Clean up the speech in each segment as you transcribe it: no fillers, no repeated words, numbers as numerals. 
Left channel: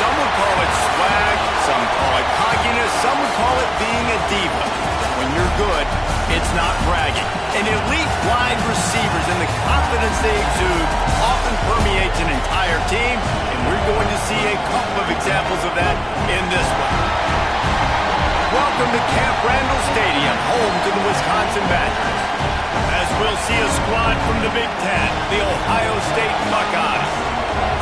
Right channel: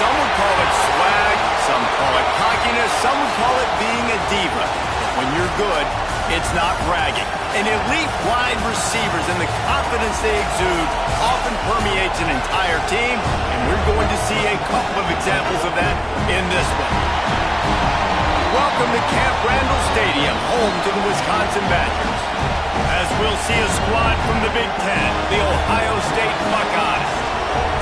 Some would call it swag, some call it cockiness, some would call it being a diva. But when you're good, it's not bragging. And elite wide receivers and the confidence they exude often permeates an entire team, and we're going to see a couple of examples of that in this one. Welcome to Camp Randall Stadium, home to the Wisconsin Badgers. As we'll see a squad from the Big Ten, the Ohio State Buckeyes,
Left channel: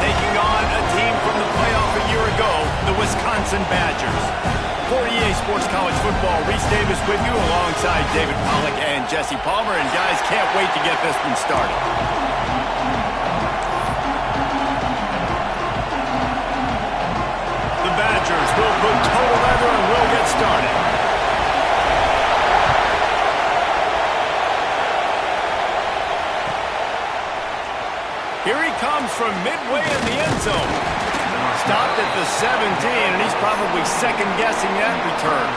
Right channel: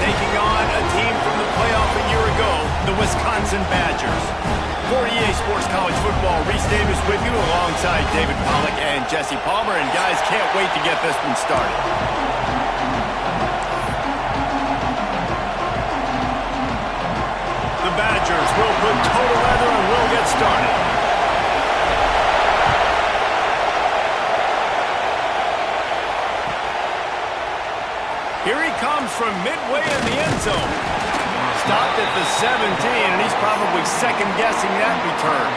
taking on a team from the playoff a year ago, the Wisconsin Badgers. For EA Sports College Football, Reese Davis with you alongside David Pollack and Jesse Palmer. And guys, can't wait to get this one started. The Badgers will put total leather and we'll get started. Here he comes from midway in the end zone. Stopped at the 17, and he's probably second-guessing that return.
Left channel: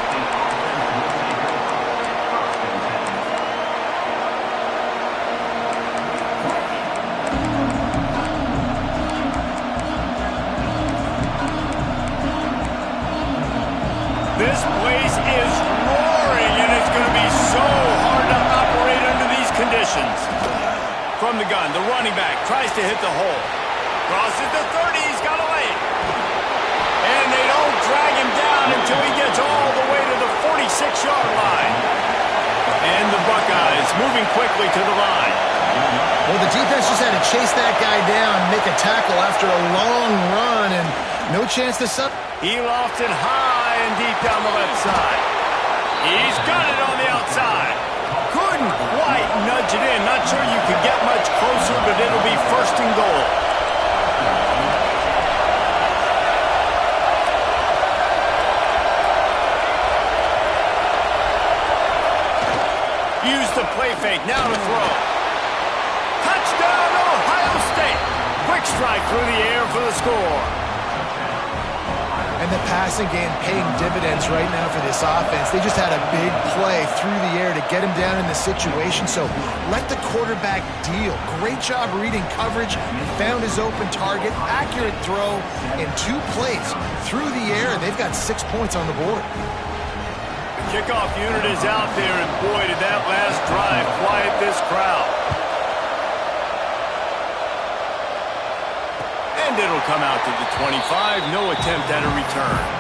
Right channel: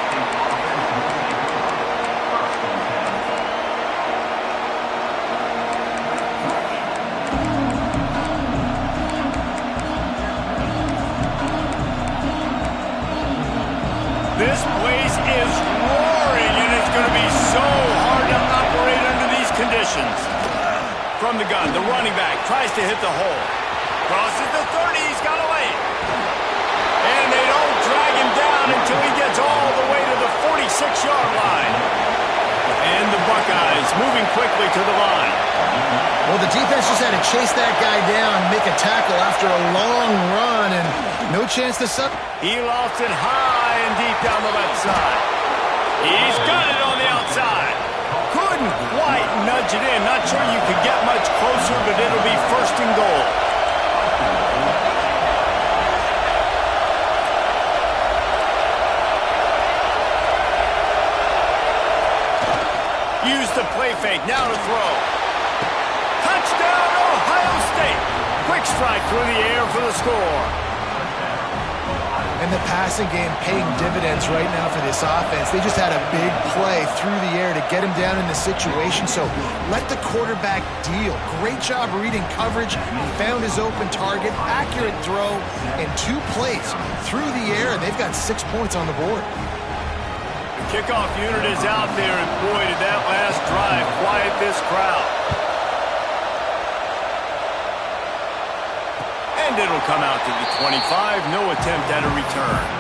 This place is roaring, and it's going to be so hard to operate under these conditions. From the gun, the running back tries to hit the hole. Crosses the 30, he's got a lane. And they don't drag him down until he gets all the way to the 46-yard line. And the Buckeyes moving quickly to the line. Well, the defense just had to chase that guy down, make a tackle after a long run, and no chance to sub. He lofts it high and deep down the left side. He's got it on the outside. Couldn't quite nudge it in. Not sure you could get much closer, but it'll be first and goal. Use the play fake, now to throw. Touchdown, Ohio State. Quick strike through the air for the score. And the passing game paying dividends right now for this offense. They just had a big play through the air to get him down in the situation. So let the quarterback deal. Great job reading coverage. He found his open target. Accurate throw in 2 plays through the air. And they've got 6 points on the board. The kickoff unit is out there, and boy, did that last drive quiet this crowd. And it'll come out to the 25. No attempt at a return.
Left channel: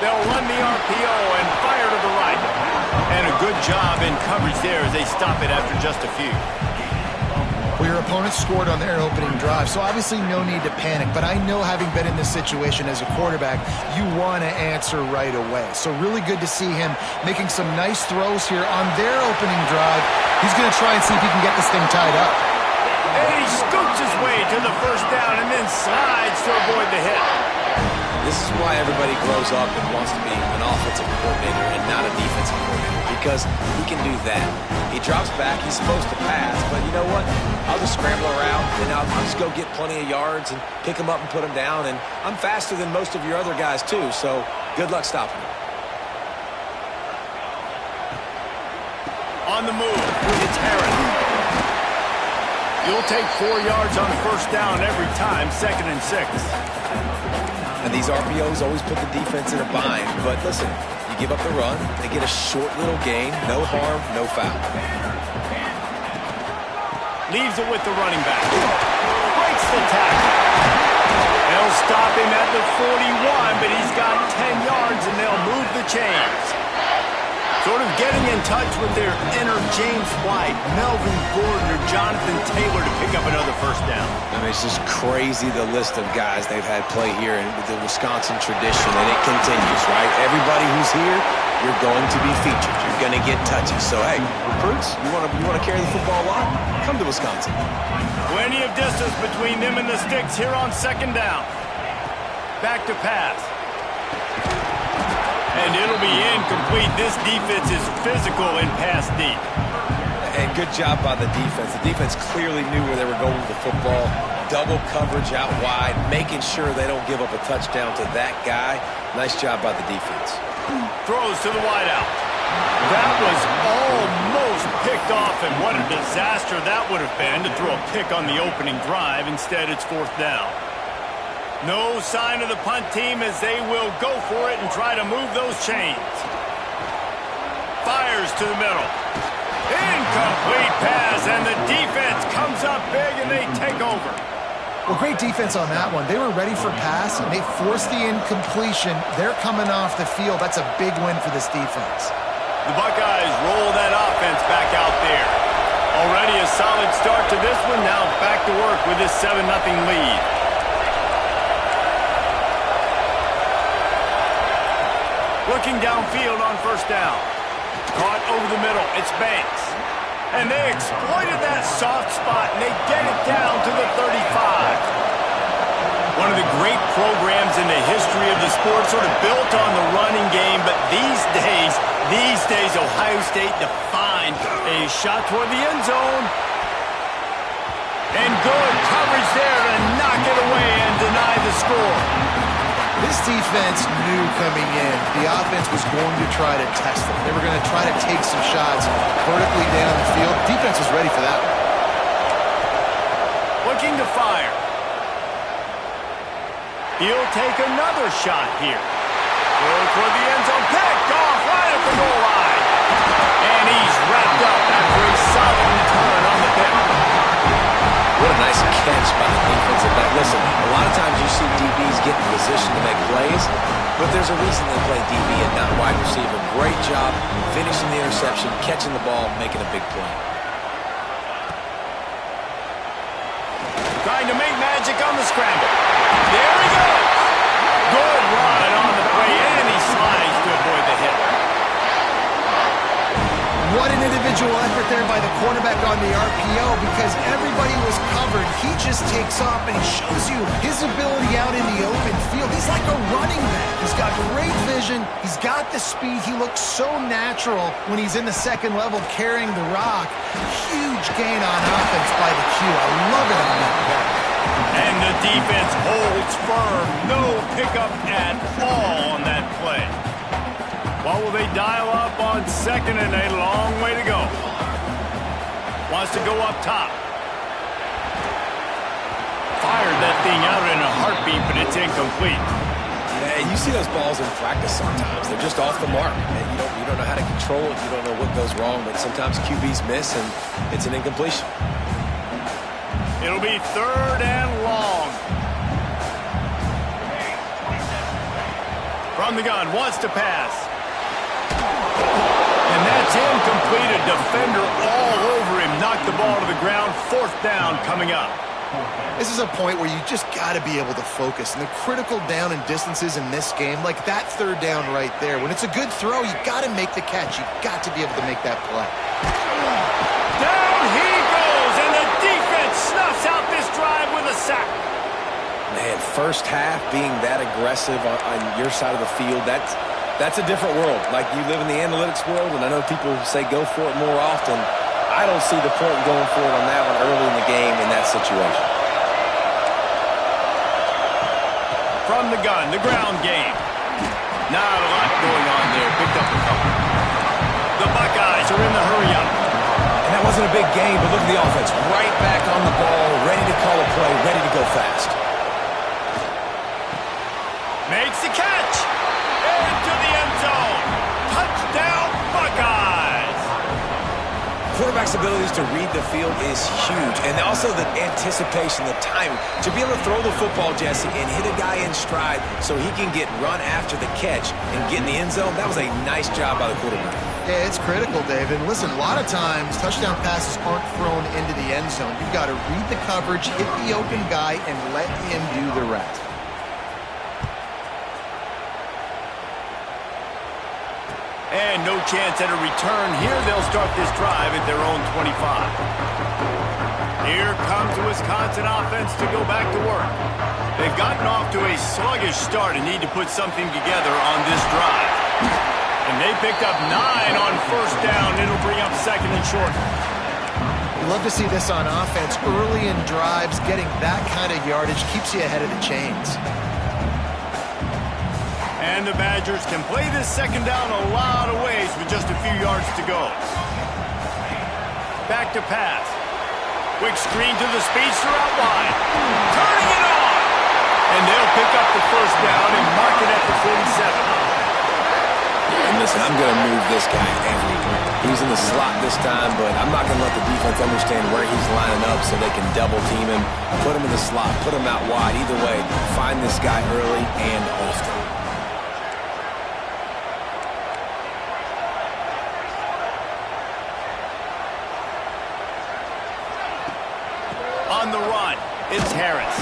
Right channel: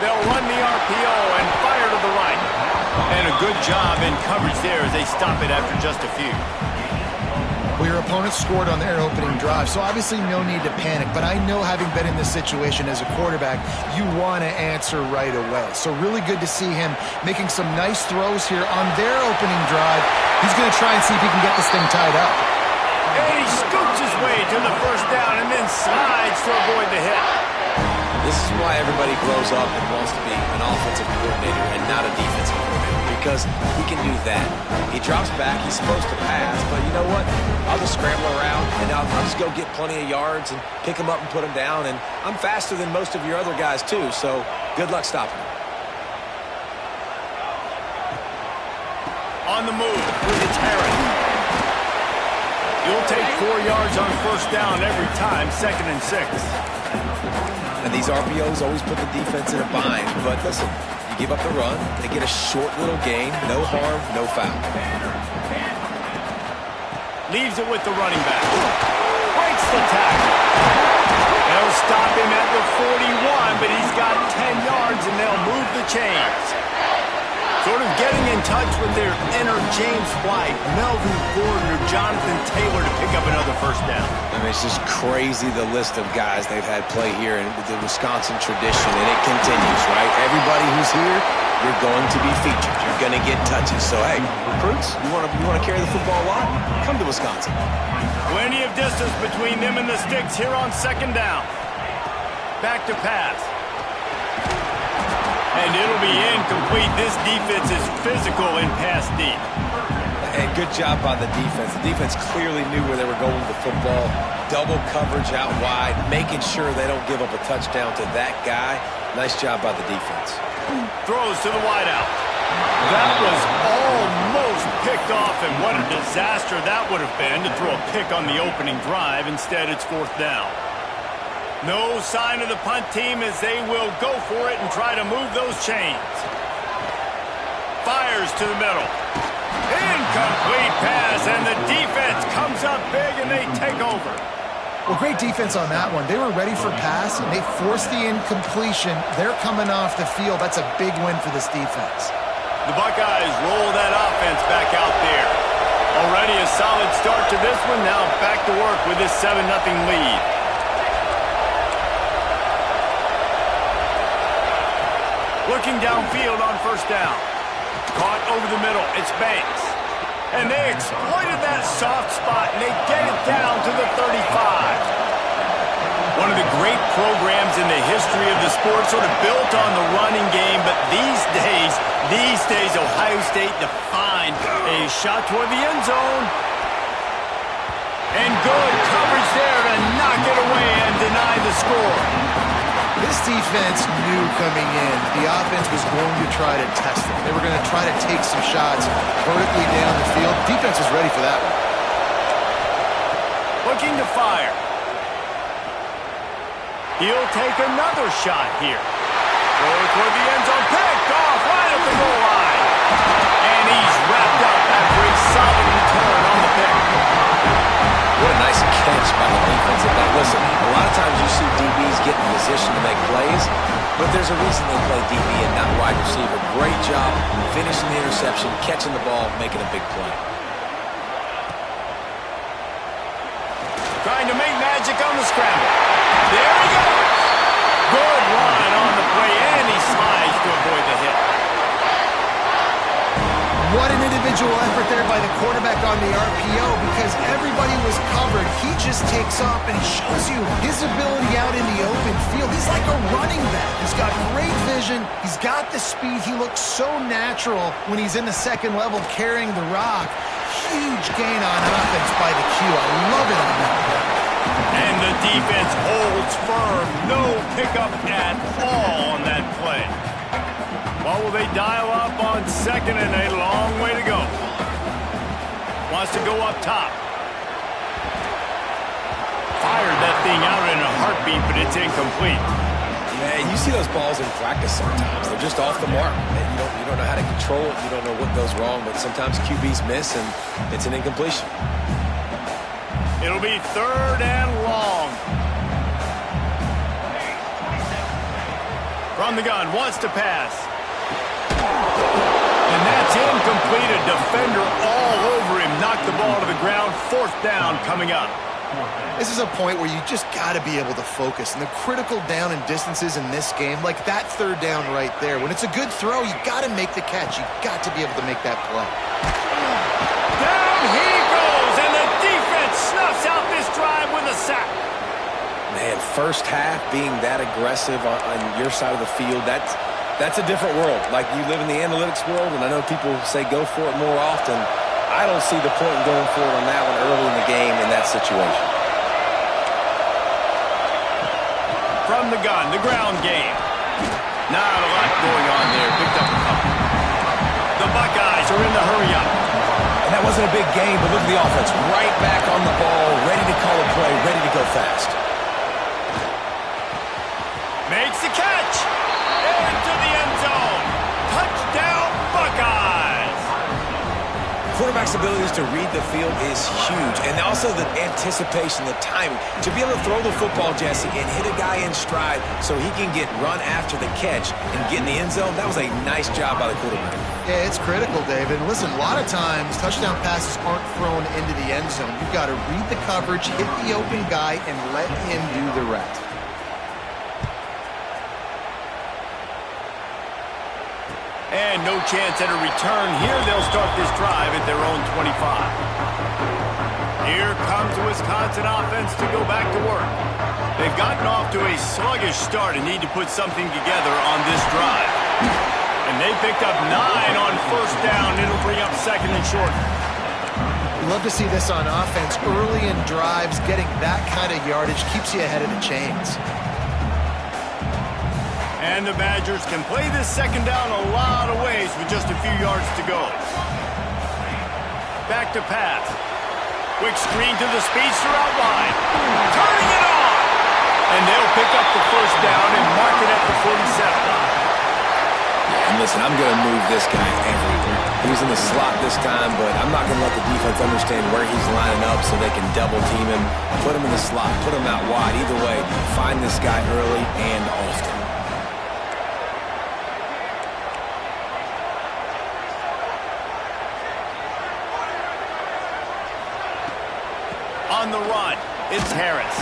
They'll run the RPO and fire to the right. And a good job in coverage there as they stop it after just a few. Well, your opponent scored on their opening drive, so obviously no need to panic. But I know, having been in this situation as a quarterback, you want to answer right away. So really good to see him making some nice throws here on their opening drive. He's going to try and see if he can get this thing tied up. And he scoots his way to the first down and then slides to avoid the hit. This is why everybody grows up and wants to be an offensive coordinator and not a defensive coordinator, because he can do that. He drops back, he's supposed to pass, but you know what? I'll just scramble around, and I'll just go get plenty of yards and pick him up and put him down, and I'm faster than most of your other guys too, so good luck stopping him. On the move, it's Harris. You'll take 4 yards on first down every time, 2nd and 6. And these RPOs always put the defense in a bind. But listen, you give up the run, they get a short little gain, no harm, no foul. Leaves it with the running back. Breaks the tackle. They'll stop him at the 41, but he's got 10 yards and they'll move the chains. Sort of getting in touch with their inner James White, Melvin Gordon, or Jonathan Taylor to pick up another first down. I mean, it's just crazy, the list of guys they've had play here in the Wisconsin tradition, and it continues, right? Everybody who's here, you're going to be featured. You're going to get touches. So, hey, recruits, you want to carry the football a lot? Come to Wisconsin. Plenty of distance between them and the sticks here on 2nd down. Back to pass. And it'll be incomplete. This defense is physical and pass deep. And good job by the defense. The defense clearly knew where they were going with the football. Double coverage out wide, making sure they don't give up a touchdown to that guy. Nice job by the defense. Throws to the wideout. That was almost picked off, and what a disaster that would have been to throw a pick on the opening drive. Instead, it's 4th down. No sign of the punt team as they will go for it and try to move those chains. Fires to the middle. Incomplete pass, and the defense comes up big, and they take over. Well, great defense on that one. They were ready for pass, and they forced the incompletion. They're coming off the field. That's a big win for this defense. The Buckeyes roll that offense back out there. Already a solid start to this one. Now back to work with this 7-0 lead. Looking downfield on 1st down. Caught over the middle. It's Banks. And they exploited that soft spot, and they get it down to the 35. One of the great programs in the history of the sport, sort of built on the running game, but these days, Ohio State defined a shot toward the end zone. And good coverage there to knock it away and deny the score. This defense knew coming in the offense was going to try to test them. They were going to try to take some shots vertically down the field. Defense was ready for that one. Looking to fire. He'll take another shot here. Goes toward the end zone. Picked off right at the goal line. And he's wrapped up after a solid return on the pick. What a nice catch by the defensive back. Listen, a lot of times you see DBs get in position to make plays, but there's a reason they play DB and not wide receiver. Great job finishing the interception, catching the ball, making a big play. Trying to make magic on the scramble. There he goes. Good run on the play, and he slides to avoid the hit. What an individual effort there by the quarterback on the RPO, because everybody was covered. He just takes off, and he shows you his ability out in the open field. He's like a running back. He's got great vision. He's got the speed. He looks so natural when he's in the second level carrying the rock. Huge gain on offense by the Q. I love it on that play. And the defense holds firm. No pickup at all on that play. What will they dial up on 2nd and a long way to go? Wants to go up top. Fired that thing out in a heartbeat, but it's incomplete. Yeah, you see those balls in practice sometimes. They're just off the mark. You don't know how to control it. You don't know what goes wrong, but sometimes QBs miss, and it's an incompletion. It'll be 3rd and long. From the gun, wants to pass. And that's incomplete. A defender all over him. Knocked the ball to the ground. 4th down coming up. This is a point where you just got to be able to focus. And the critical down and distances in this game, like that 3rd down right there, when it's a good throw, you got to make the catch. You got to be able to make that play. Down he goes, and the defense snuffs out this drive with a sack. Man, first half being that aggressive on your side of the field, that's a different world. Like, you live in the analytics world, and I know people say go for it more often. I don't see the point in going for it on that one early in the game in that situation. From the gun, the ground game. Not a lot going on there. Picked up a couple. The Buckeyes are in the hurry-up. And that wasn't a big game, but look at the offense. Right back on the ball, ready to call a play, ready to go fast. Makes the catch. Into the end zone. Touchdown, Buckeyes. Quarterback's abilities to read the field is huge. And also the anticipation, the timing. To be able to throw the football, Jesse, and hit a guy in stride so he can get run after the catch and get in the end zone, that was a nice job by the quarterback. Yeah, it's critical, David. And listen, a lot of times touchdown passes aren't thrown into the end zone. You've got to read the coverage, hit the open guy, and let him do the rest. And no chance at a return here. They'll start this drive at their own 25. Here comes the Wisconsin offense to go back to work. They've gotten off to a sluggish start and need to put something together on this drive. And they picked up 9 on first down. It'll bring up second and short. You love to see this on offense. Early in drives, getting that kind of yardage keeps you ahead of the chains. And the Badgers can play this second down a lot of ways with just a few yards to go. Back to pass. Quick screen to the speedster out wide. Turning it on! And they'll pick up the first down and mark it at the 47. And listen, I'm going to move this guy everywhere. He's in the slot this time, but I'm not going to let the defense understand where he's lining up so they can double team him, put him in the slot, put him out wide. Either way, find this guy early and often. On the run, it's Harris.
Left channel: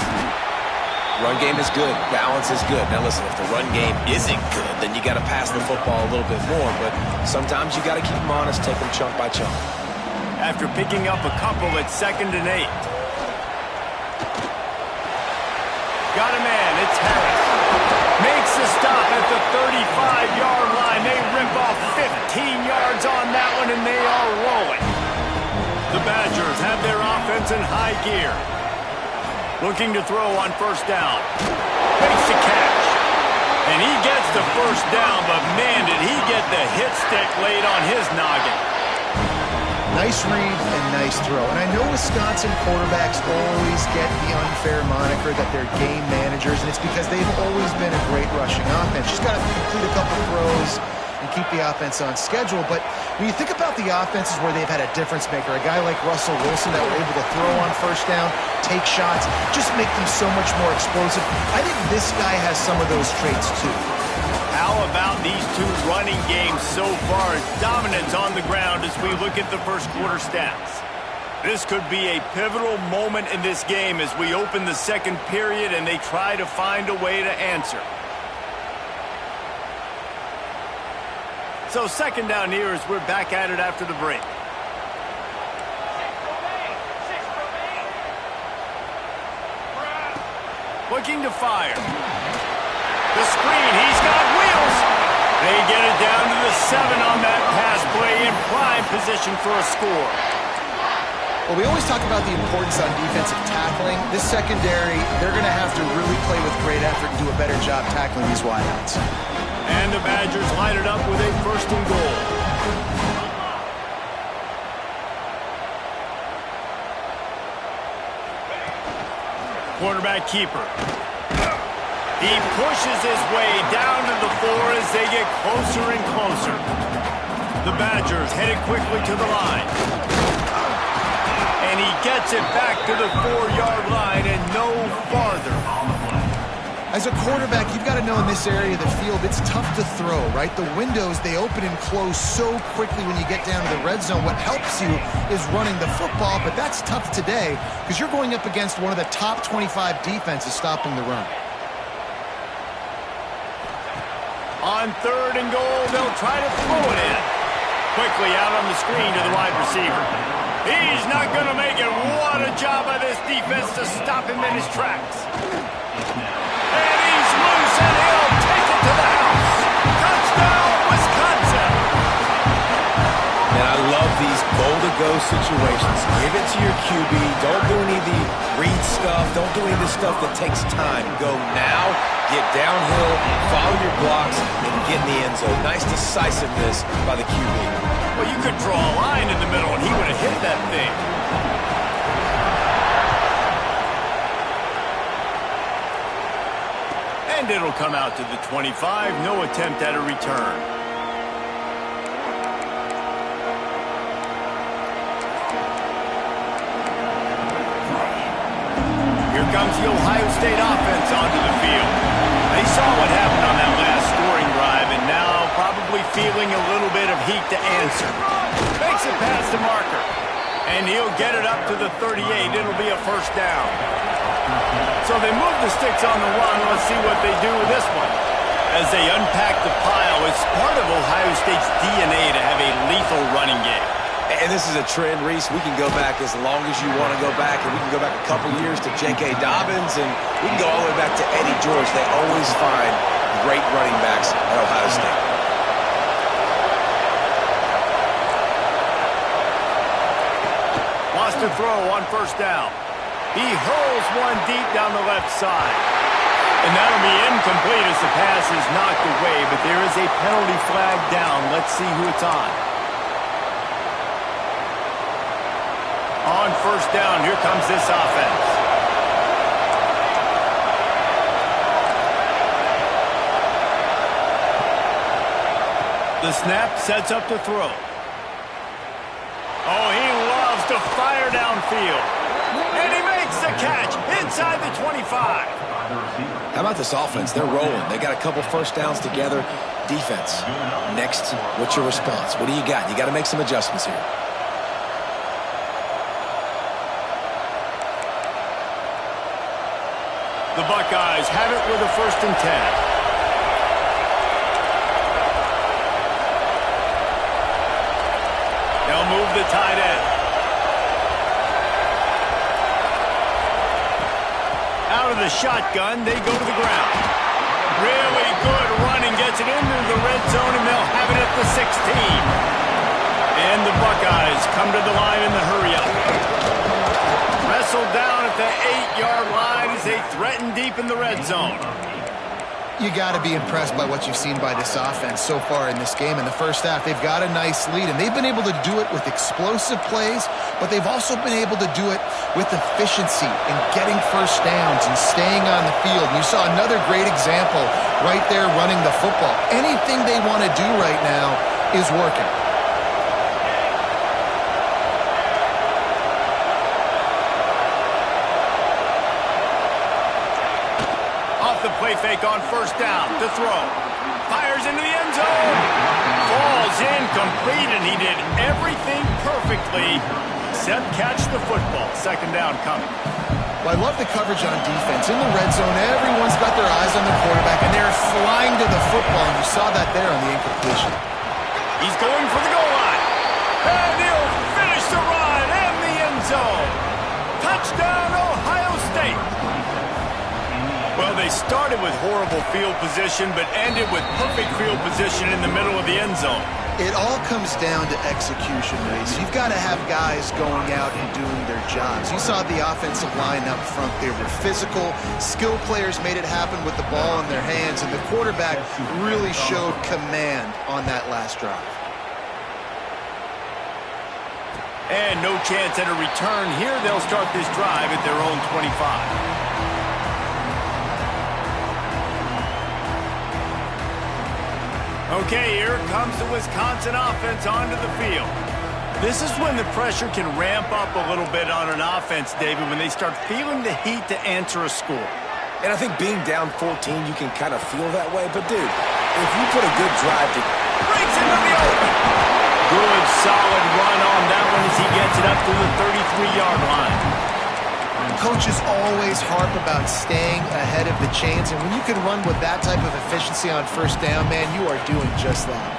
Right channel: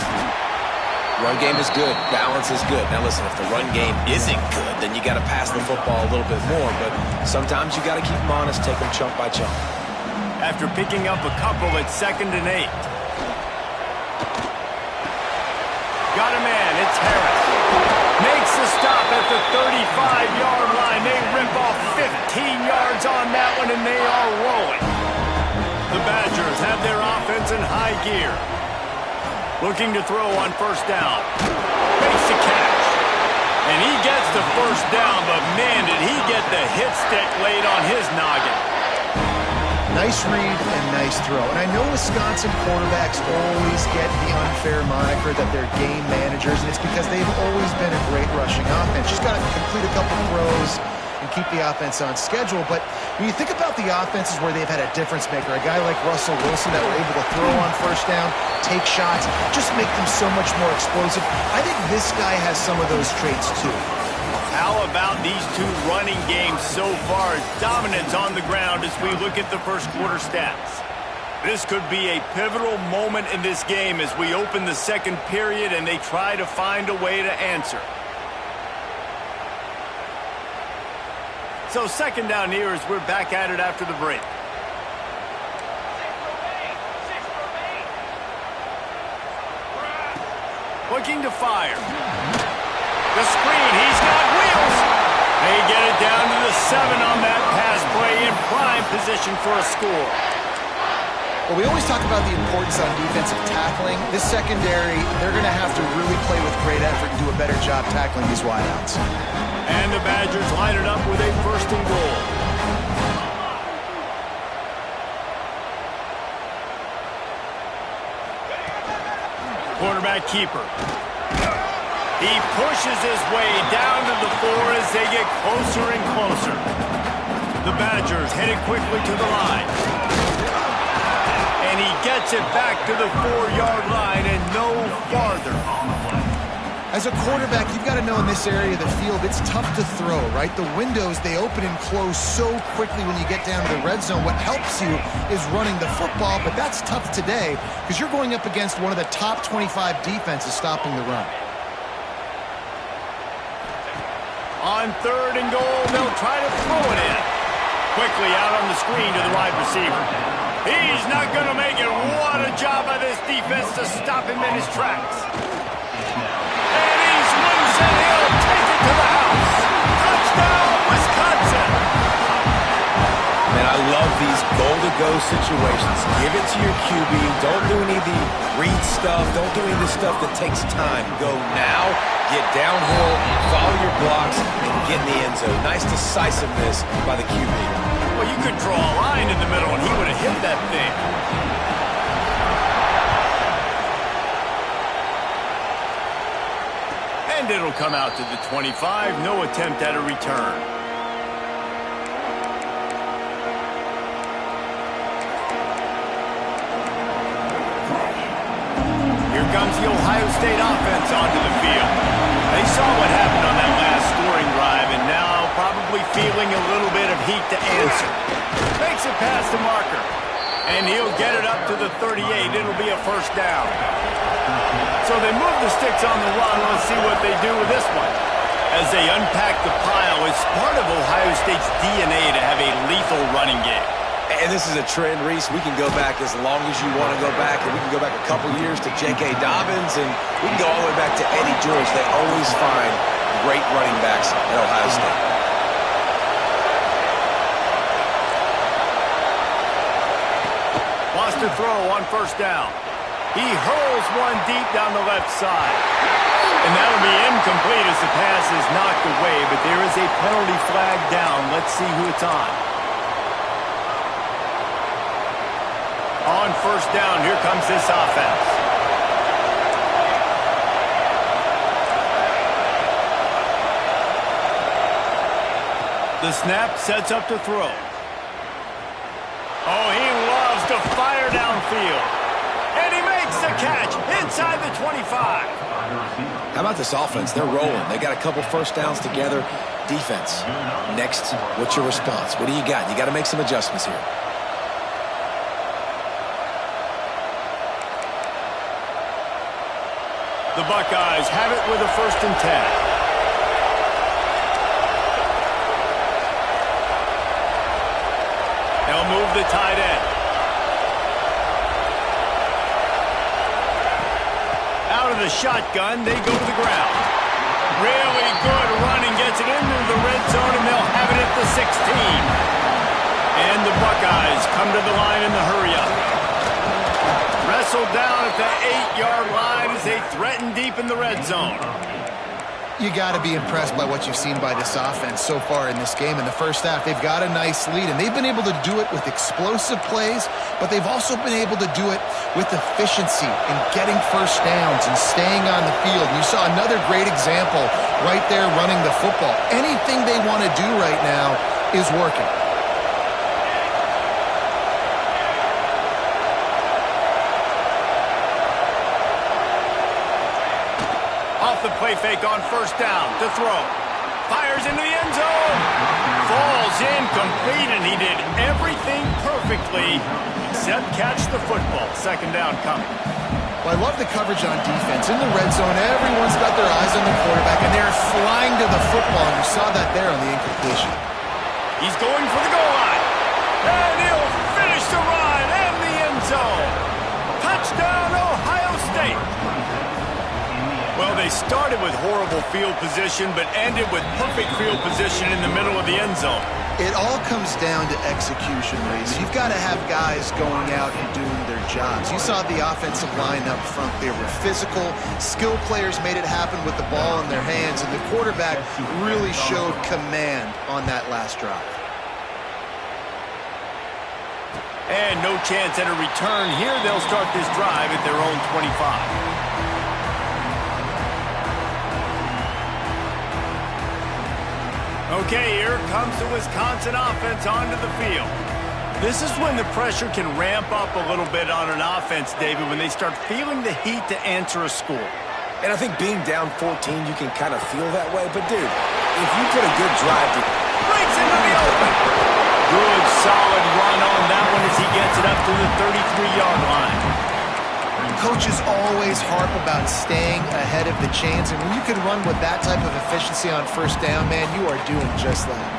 Run game is good. Balance is good. Now listen, if the run game isn't good, then you got to pass the football a little bit more. But sometimes you got to keep them honest, take them chunk by chunk. After picking up a couple at 2nd and 8. Got a man. It's Harris. Makes the stop at the 35-yard line. They rip off 15 yards on that one, and they are rolling. The Badgers have their offense in high gear. Looking to throw on first down. Makes the catch. And he gets the first down, but man, did he get the hit stick laid on his noggin. Nice read and nice throw. And I know Wisconsin quarterbacks always get the unfair moniker that they're game managers, and it's because they've always been a great rushing offense. Just got to complete a couple throws and keep the offense on schedule. But when you think about the offenses where they've had a difference maker, a guy like Russell Wilson that were able to throw on first down, take shots, just make them so much more explosive. I think this guy has some of those traits too. How about these two running games so far? Dominance on the ground as we look at the first quarter stats. This could be a pivotal moment in this game as we open the second period and they try to find a way to answer. So second down here as we're back at it after the break. Looking to fire. The screen, he's got wheels. They get it down to the 7 on that pass play in prime position for a score. Well, we always talk about the importance on defensive tackling. This secondary, they're going to have to really play with great effort and do a better job tackling these wideouts. And the Badgers line it up with a first and goal. Quarterback keeper. He pushes his way down to the 4 as they get closer and closer. The Badgers headed quickly to the line. And he gets it back to the 4-yard line and no farther. As a quarterback, you've got to know in this area of the field, it's tough to throw, right? The windows, they open and close so quickly when you get down to the red zone. What helps you is running the football, but that's tough today because you're going up against one of the top 25 defenses stopping the run. On third and goal, they'll try to throw it in. Quickly out on the screen to the wide receiver. He's not going to make it. What a job by this defense to stop him in his tracks. And he's loose, and he'll take it to the house. Touchdown, Wisconsin. Man, I love these goal-to-go situations. Give it to your QB. Don't do any of the read stuff. Don't do any of the stuff that takes time. Go now, get downhill, follow your blocks, and get in the end zone. Nice decisiveness by the QB. Well, you could draw a line in the middle, and he would have hit that thing. And it'll come out to the 25. No attempt at a return. Here comes the Ohio State offense onto the field. They saw what happened on that last scoring drive and now probably feeling a little bit of heat to answer. Makes it past the marker. And he'll get it up to the 38. It'll be a first down. So they move the sticks on the run. Let's see what they do with this one. As they unpack the pile, it's part of Ohio State's DNA to have a lethal running game. And this is a trend, Reese. We can go back as long as you want to go back, and we can go back a couple years to J.K. Dobbins, and we can go all the way back to Eddie George. They always find great running backs at Ohio State. across to throw on first down. He hurls one deep down the left side. And that'll be incomplete as the pass is knocked away, but there is a penalty flag down. Let's see who it's on. On first down, here comes this offense. The snap sets up to throw. Oh, he loves to fire downfield. And he makes the catch inside the 25. How about this offense? They're rolling. They got a couple first downs together. Defense. Next, what's your response? What do you got? You got to make some adjustments here. The Buckeyes have it with a 1st and 10. They'll move the tight end. Out of the shotgun, they go to the ground. Really good running, gets it into the red zone, and they'll have it at the 16. And the Buckeyes come to the line in the hurry-up. Wrestled down at the 8-yard line as they threaten deep in the red zone. You got to be impressed by what you've seen by this offense so far in this game. In the first half, they've got a nice lead, and they've been able to do it with explosive plays, but they've also been able to do it with efficiency and getting first downs and staying on the field. And you saw another great example right there running the football. Anything they want to do right now is working. Off the play fake on first down to throw. Fires into the end zone. Falls incomplete, and he did everything perfectly except catch the football. 2nd down coming. Well, I love the coverage on defense. In the red zone, everyone's got their eyes on the quarterback, and they're flying to the football, and you saw that there on the incompletion. He's going for the goal line. And he'll finish the run in the end zone. Touchdown, Ohio State. Well, they started with horrible field position, but ended with perfect field position in the middle of the end zone. It all comes down to execution, Reese. You've got to have guys going out and doing their jobs. You saw the offensive line up front. They were physical. Skill players made it happen with the ball in their hands, and the quarterback really showed command on that last drive. And no chance at a return here. They'll start this drive at their own 25. Okay, here comes the Wisconsin offense onto the field. This is when the pressure can ramp up a little bit on an offense, David, when they start feeling the heat to answer a score. And I think being down 14, you can kind of feel that way. But, dude, if you put a good drive to... Breaks into the open. Good, solid run on that one as he gets it up to the 33-yard line. Coaches always harp about staying ahead of the chains, and when you can run with that type of efficiency on first down, man, you are doing just that.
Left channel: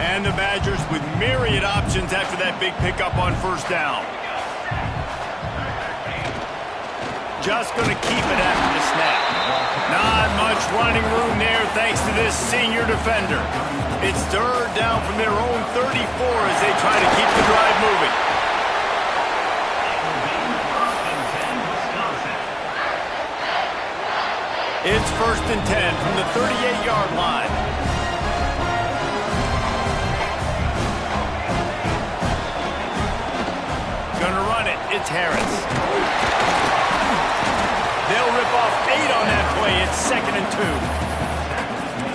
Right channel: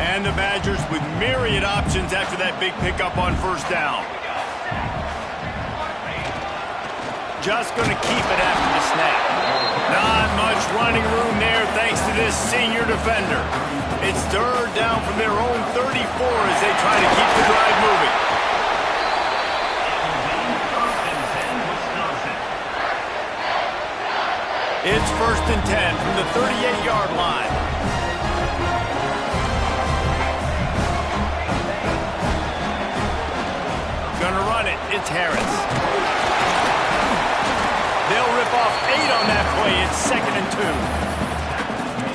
And the Badgers with myriad options after that big pickup on first down. Just going to keep it after the snap. Not much running room there thanks to this senior defender. It's 3rd down from their own 34 as they try to keep the drive moving. It's 1st and 10 from the 38-yard line. Gonna run it. It's Harris. They'll rip off 8 on that play. It's 2nd and 2.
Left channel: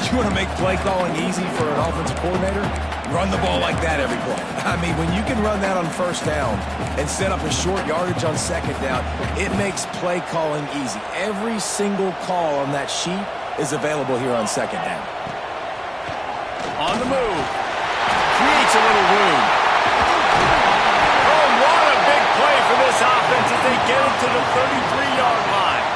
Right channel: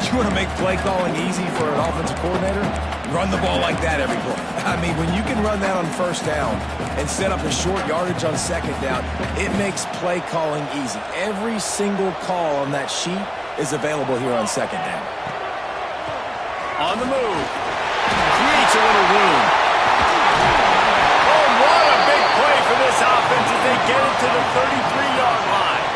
You want to make play calling easy for an offensive coordinator? Run the ball like that every play. I mean, when you can run that on first down and set up a short yardage on 2nd down, it makes play calling easy. Every single call on that sheet is available here on 2nd down. On the move. Creates a little room. Oh, what a big play for this offense as they get it to the 33-yard line.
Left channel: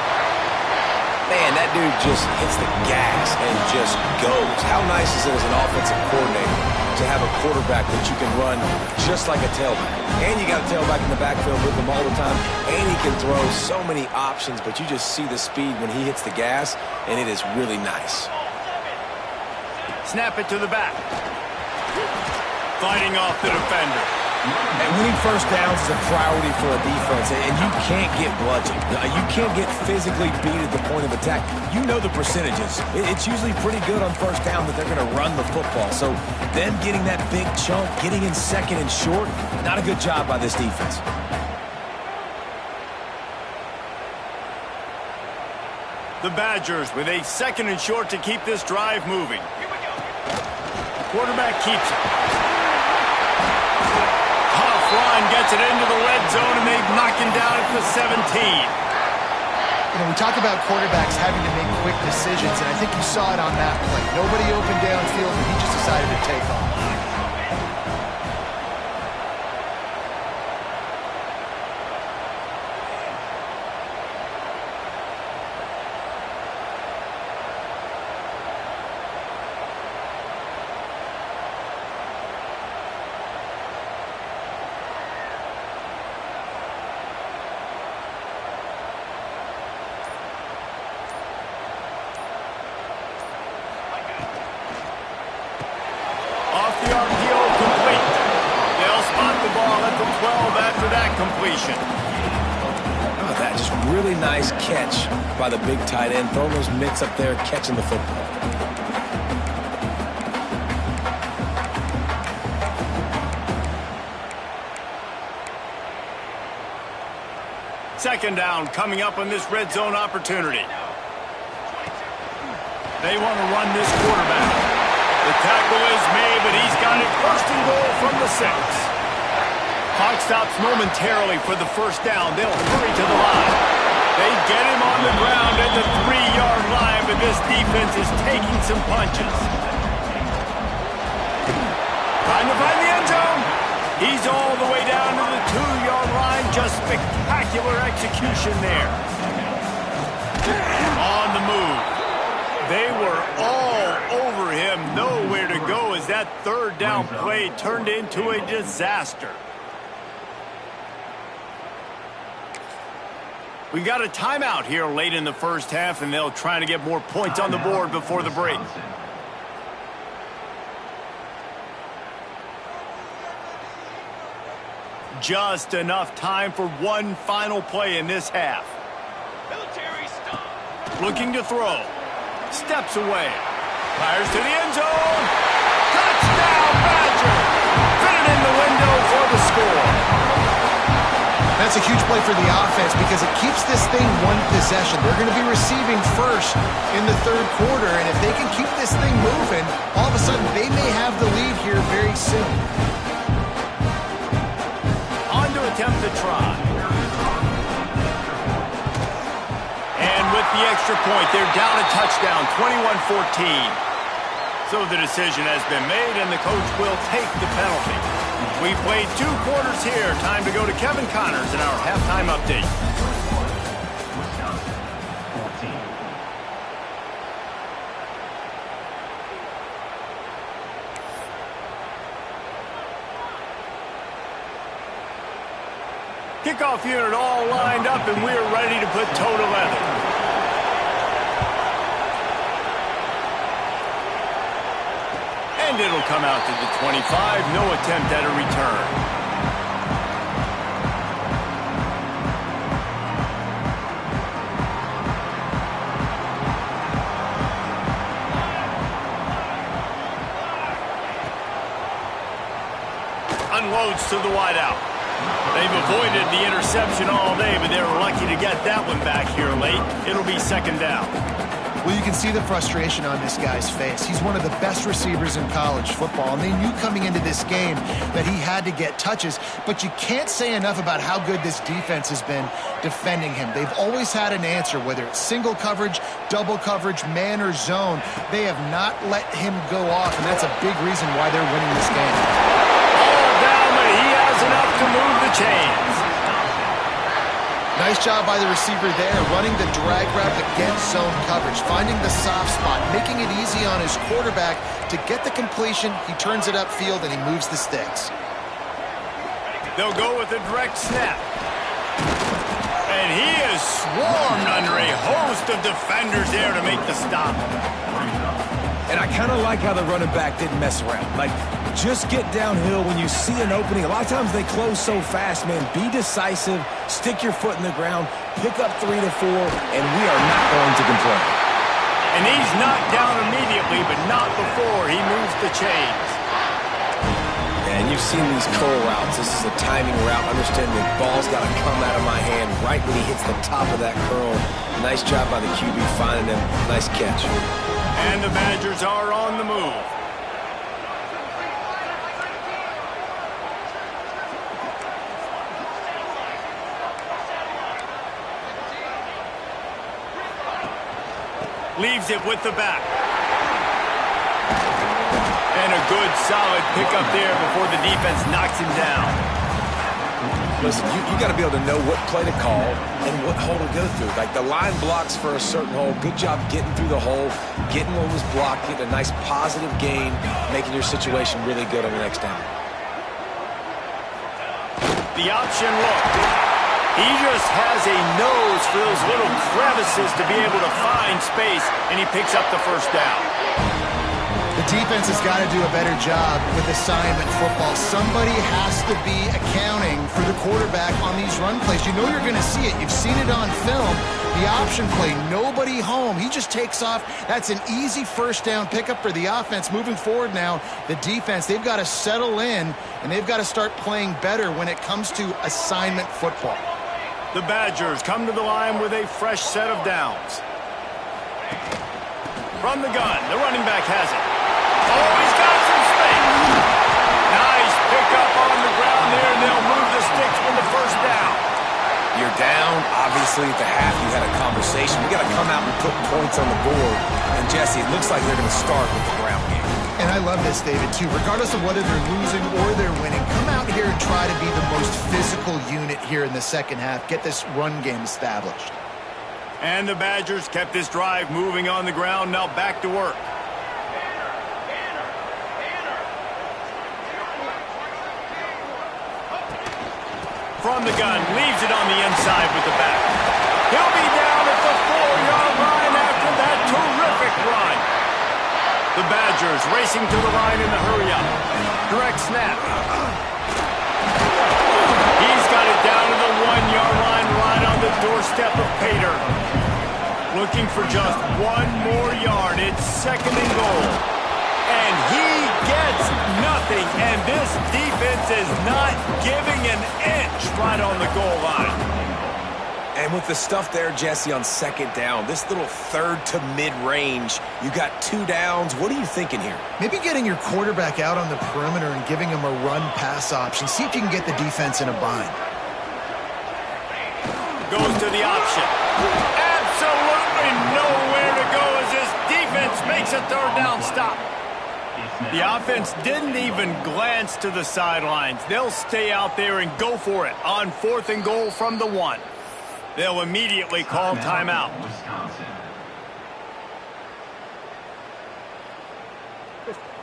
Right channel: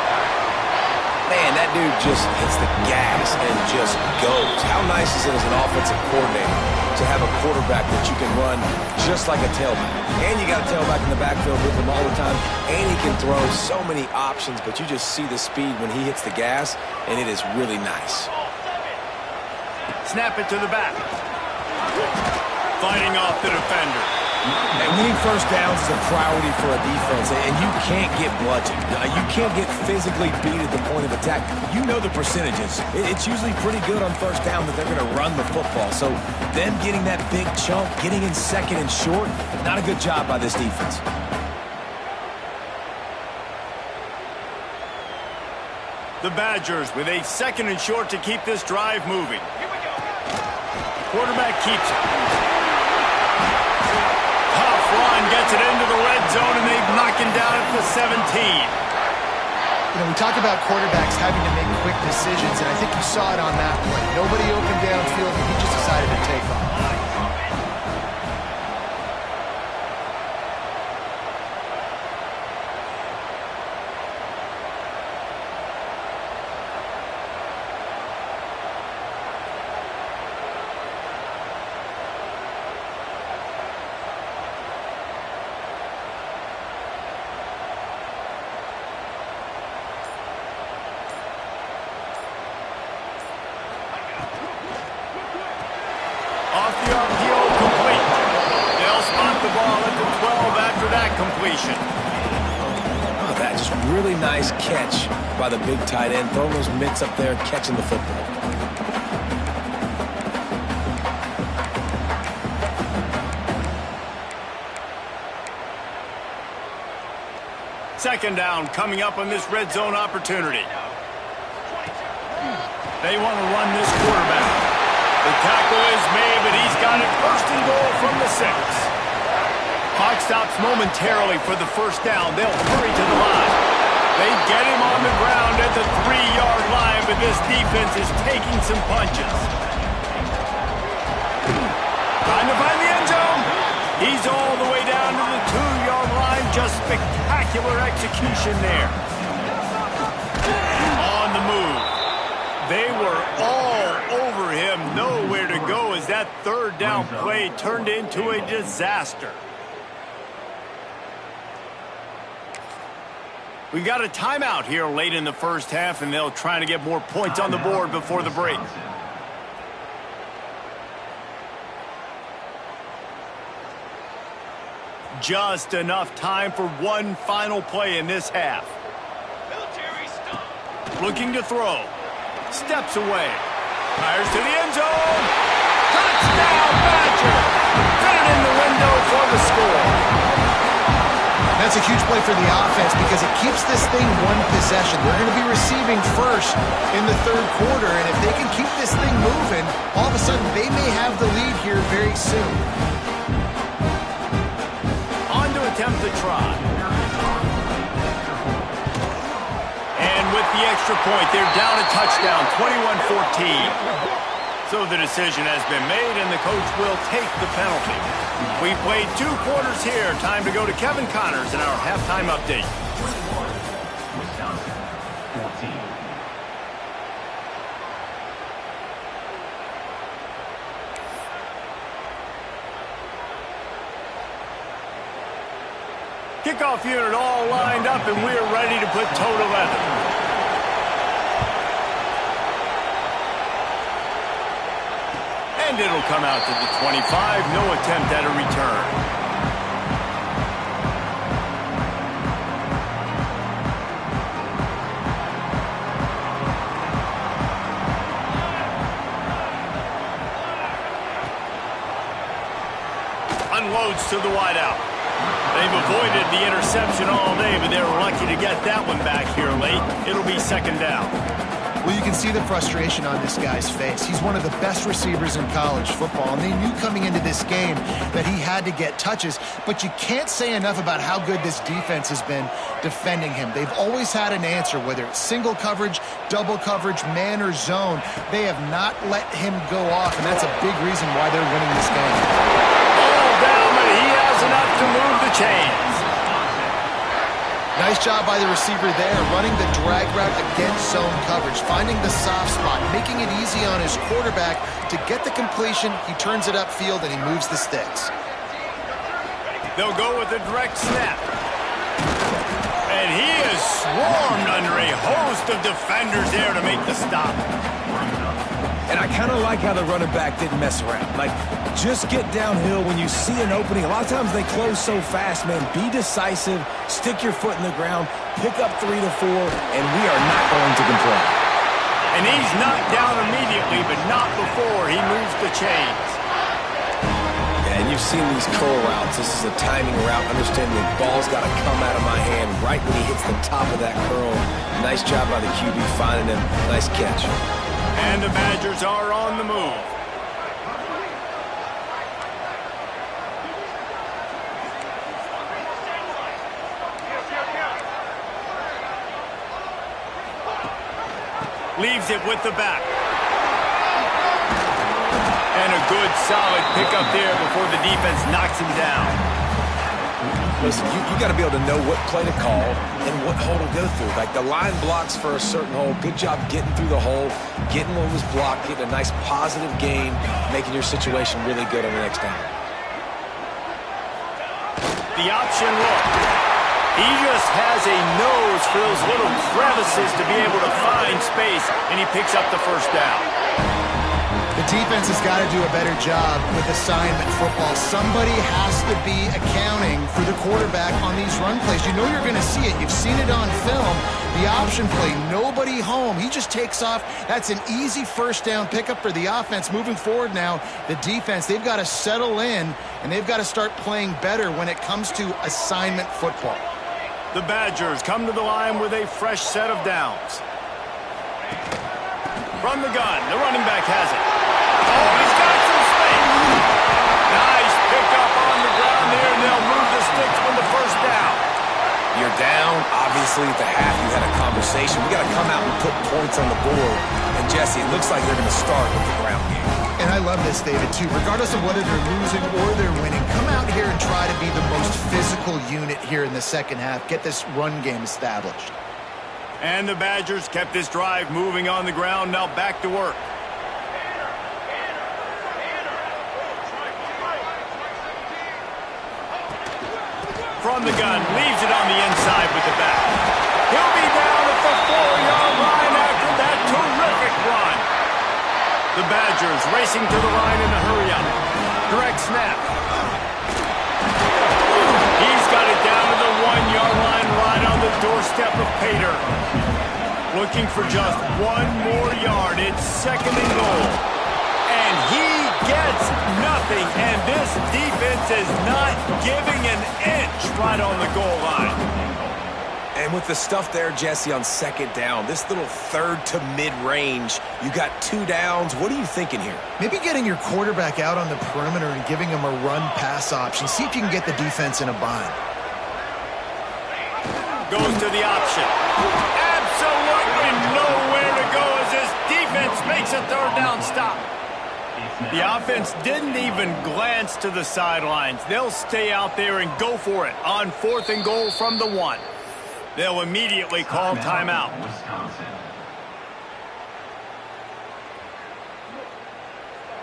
Man, that dude just hits the gas and just goes. How nice is it as an offensive coordinator to have a quarterback that you can run just like a tailback? And you got a tailback in the backfield with him all the time, and he can throw so many options, but you just see the speed when he hits the gas, and it is really nice. Snap it to the back. fighting off the defender. And winning first downs is a priority for a defense, and you can't get bludgeoned. You can't get physically beat at the point of attack. You know the percentages. It's usually pretty good on first down that they're going to run the football. So them getting that big chunk, getting in second and short, not a good job by this defense. The Badgers with a second and short to keep this drive moving. Quarterback keeps it. Tough run gets it into the red zone, and they knock him down at the 17. You know, we talk about quarterbacks having to make quick decisions, and I think you saw it on that play. Nobody open downfield, and he just decided to take off. Off the RPO, complete. They'll spot the ball at the 12 after that completion. Oh, that just really nice catch by the big tight end, throwing those mitts up there, catching the football. Second down coming up on this red zone opportunity. They want to run this quarterback. The tackle is made, but he's got it first and goal from the 6. Clock stops momentarily for the first down. They'll hurry to the line. They get him on the ground at the 3-yard line, but this defense is taking some punches. Trying to find the end zone. He's all the way down to the 2-yard line. Just spectacular execution there. On the move. They were all over him, nowhere to go as that third down play turned into a disaster. We got a timeout here late in the first half, and they'll try to get more points on the board before the break. Just enough time for one final play in this half. Military stop. Looking to throw. Steps away. Fires to the end zone. Touchdown, Badger. Fit it in the window for the score. That's a huge play for the offense because it keeps this thing one possession. They're going to be receiving first in the third quarter, and if they can keep this thing moving, all of a sudden they may have the lead here very soon. On to attempt the try. And with the extra point, they're down a touchdown, 21-14. So the decision has been made, and the coach will take the penalty. We played 2 quarters here. Time to go to Kevin Connors in our halftime update. Kickoff unit all lined up, and we're ready to put toe to leather. And it'll come out to the 25. No attempt at a return. Unloads to the wideout. They've avoided the interception all day, but they're lucky to get that one back here late. It'll be second down. Well, you can see the frustration on this guy's face. He's one of the best receivers in college football, and they knew coming into this game that he had to get touches, but you can't say enough about how good this defense has been defending him. They've always had an answer, whether it's single coverage, double coverage, man or zone. They have not let him go off, and that's a big reason why they're winning this game. All down, but he has enough to move the chains. Nice job by the receiver there, running the drag route against zone coverage, finding the soft spot, making it easy on his quarterback to get the completion. He turns it upfield, and he moves the sticks. They'll go with a direct snap. And he is swarmed under a host of defenders there to make the stop. And I kind of like how the running back didn't mess around. Like, Just get downhill when you see an opening. A lot of times they close so fast, man. Be decisive, stick your foot in the ground, pick up 3 to 4, and we are not going to complain. And he's knocked down immediately, but not before he moves the chains. And you've seen these curl routes. This is a timing route. Understand the ball's got to come out of my hand right when he hits the top of that curl. Nice job by the QB finding him. Nice catch. And the Badgers are on the move. Leaves it with the back. And a good, solid pickup there before the defense knocks him down. Listen, you got to be able to know what play to call and what hole to go through. Like the line blocks for a certain hole. Good job getting through the hole, getting what was blocked, getting a nice positive gain, making your situation really good on the next down. The option look. He just has a nose for those little crevices to be able to find space, and he picks up the first down. The defense has got to do a better job with assignment football. Somebody has to be accounting for the quarterback on these run plays. You know you're going to see it. You've seen it on film. The option play, nobody home. He just takes off. That's an easy first down pickup for the offense. Moving forward now, the defense, they've got to settle in, and they've got to start playing better when it comes to assignment football. The Badgers come to the line with a fresh set of downs. From the gun, the running back has it. Oh, he's got some space. Nice pickup on the ground there, and they'll move the sticks with the first down. You're down. Obviously, at the half, you had a conversation. We got to come out and put points on the board. And, Jesse, it looks like they're going to start with the ground game. And I love this, David, too. Regardless of whether they're losing or they're winning, come out here and try to be the most physical unit here in the second half. Get this run game established. And the Badgers kept this drive moving on the ground. Now back to work. From the gun, leaves it on the inside with the back. He'll be down at the 4-yard line after that terrific run. The Badgers racing to the line in the hurry-up. Direct snap. He's got it down to the 1-yard line right on the doorstep of Pater. Looking for just one more yard. It's second and goal. And he gets nothing. And this defense is not giving an inch right on the goal line. And with the stuff there, Jesse, on second down, this little third to mid-range, you got 2 downs. What are you thinking here? Maybe getting your quarterback out on the perimeter and giving him a run-pass option. See if you can get the defense in a bind. Goes to the option. Absolutely nowhere to go as this defense makes a third down stop. The offense didn't even glance to the sidelines. They'll stay out there and go for it on 4th and goal from the 1. They'll immediately call timeout.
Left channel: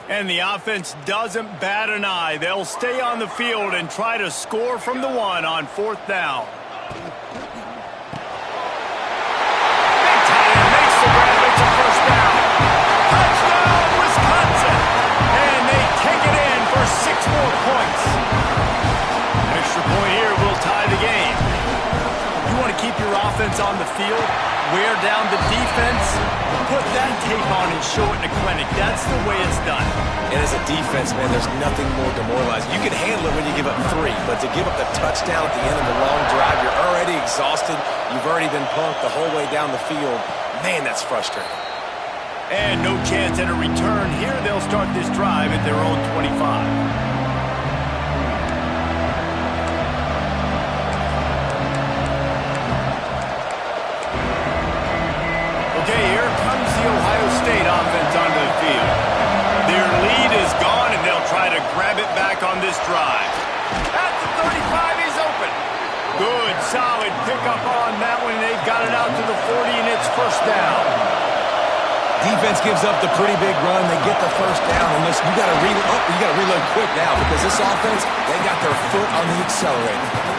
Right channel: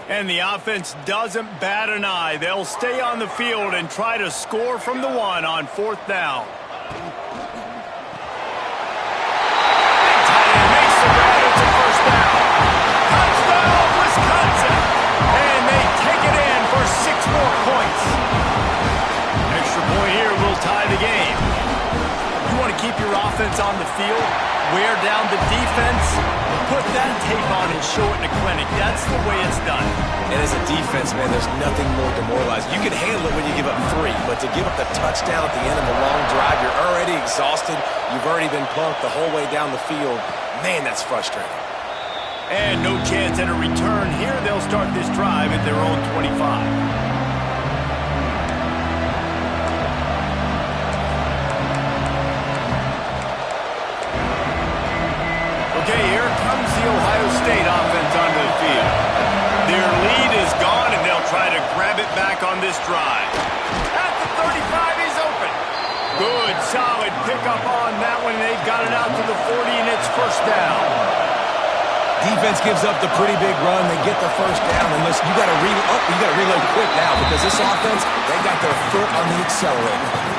And the offense doesn't bat an eye. They'll stay on the field and try to score from the 1 on 4th down. Big tight end makes the grab. It's a first down. Touchdown, Wisconsin. And they take it in for 6 more points. Extra point here will tie the game. You want to keep your offense on the field, wear down the defense, put that tape on and show it in the clinic. That's the way it's done. And as a defense, man, there's nothing more demoralizing. You can handle it when you give up 3, but to give up the touchdown at the end of a long drive, you're already exhausted. You've already been punked the whole way down the field. Man, that's frustrating. And no chance at a return. Here they'll start this drive at their own 25. Okay, here comes the Ohio State offense onto the field. Their lead is gone, and they'll try to grab it back on this drive. At the 35, he's open. Good, solid pickup on that one. They've got it out to the 40, and it's first down. Defense gives up the pretty big run. They get the first down, and listen, you got to reload quick now because this offense, they got their foot on the accelerator.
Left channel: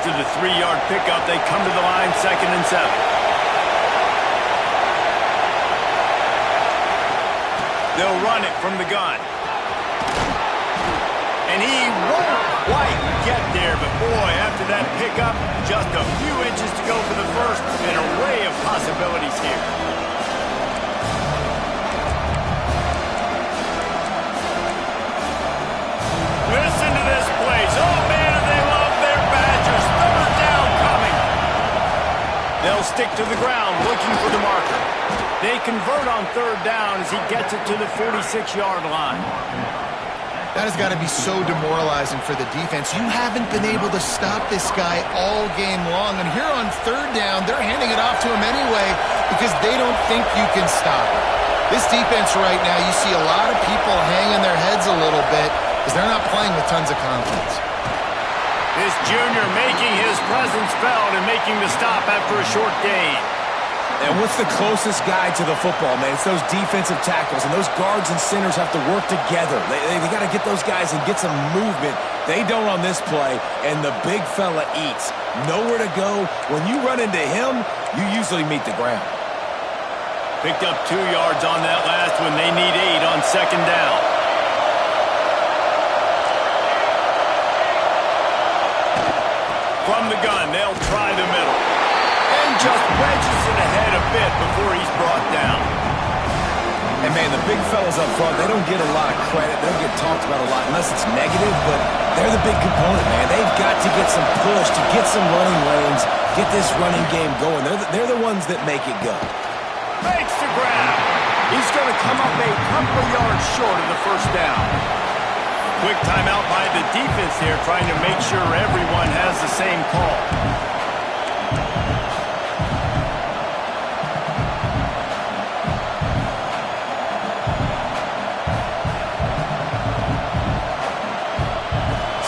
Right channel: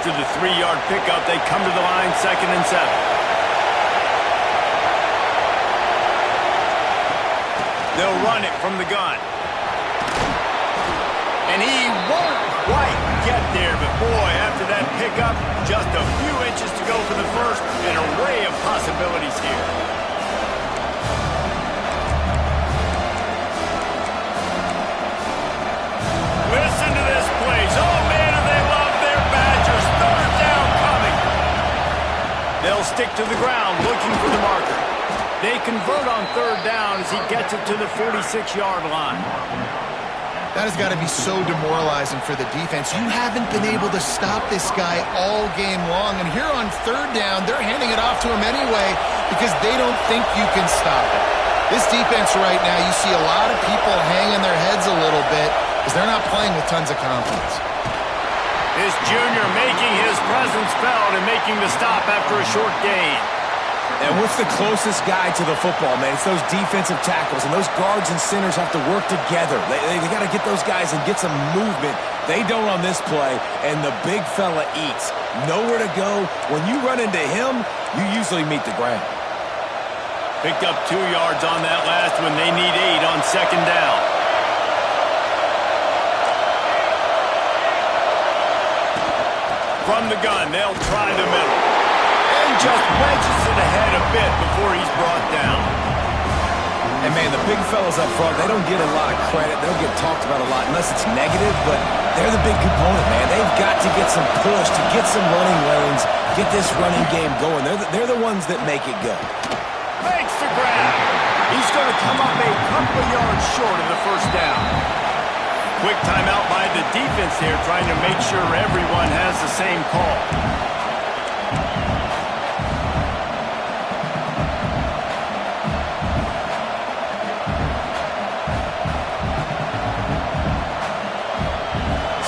After the 3-yard pickup, they come to the line, 2nd and 7. They'll run it from the gun. And he won't quite get there, but boy, after that pickup, just a few inches to go for the first, an array of possibilities here. Listen to this place. Oh, man, do they love their Badgers. 3rd down coming. They'll stick to the ground looking for the marker. They convert on 3rd down as he gets it to the 46-yard line. That has got to be so demoralizing for the defense. You haven't been able to stop this guy all game long. And here on 3rd down, they're handing it off to him anyway because they don't think you can stop it. This defense right now, you see a lot of people hanging their heads a little bit because they're not playing with tons of confidence. This junior making his presence felt and making the stop after a short gain. And what's the closest guy to the football, man? It's those defensive tackles, and those guards and centers have to work together. They got to get those guys and get some movement. They don't on this play, and the big fella eats. Nowhere to go. When you run into him, you usually meet the ground. Picked up 2 yards on that last one. They need 8 on 2nd down. From the gun, they'll try the middle. And just wedges it ahead a bit before he's brought down. And, man, the big fellas up front, they don't get a lot of credit. They don't get talked about a lot unless it's negative, but they're the big component, man. They've got to get some push, to get some running lanes, get this running game going. They're the ones that make it go. Makes the grab. He's going to come up a couple of yards short of the 1st down. Quick timeout by the defense here, trying to make sure everyone has the same call.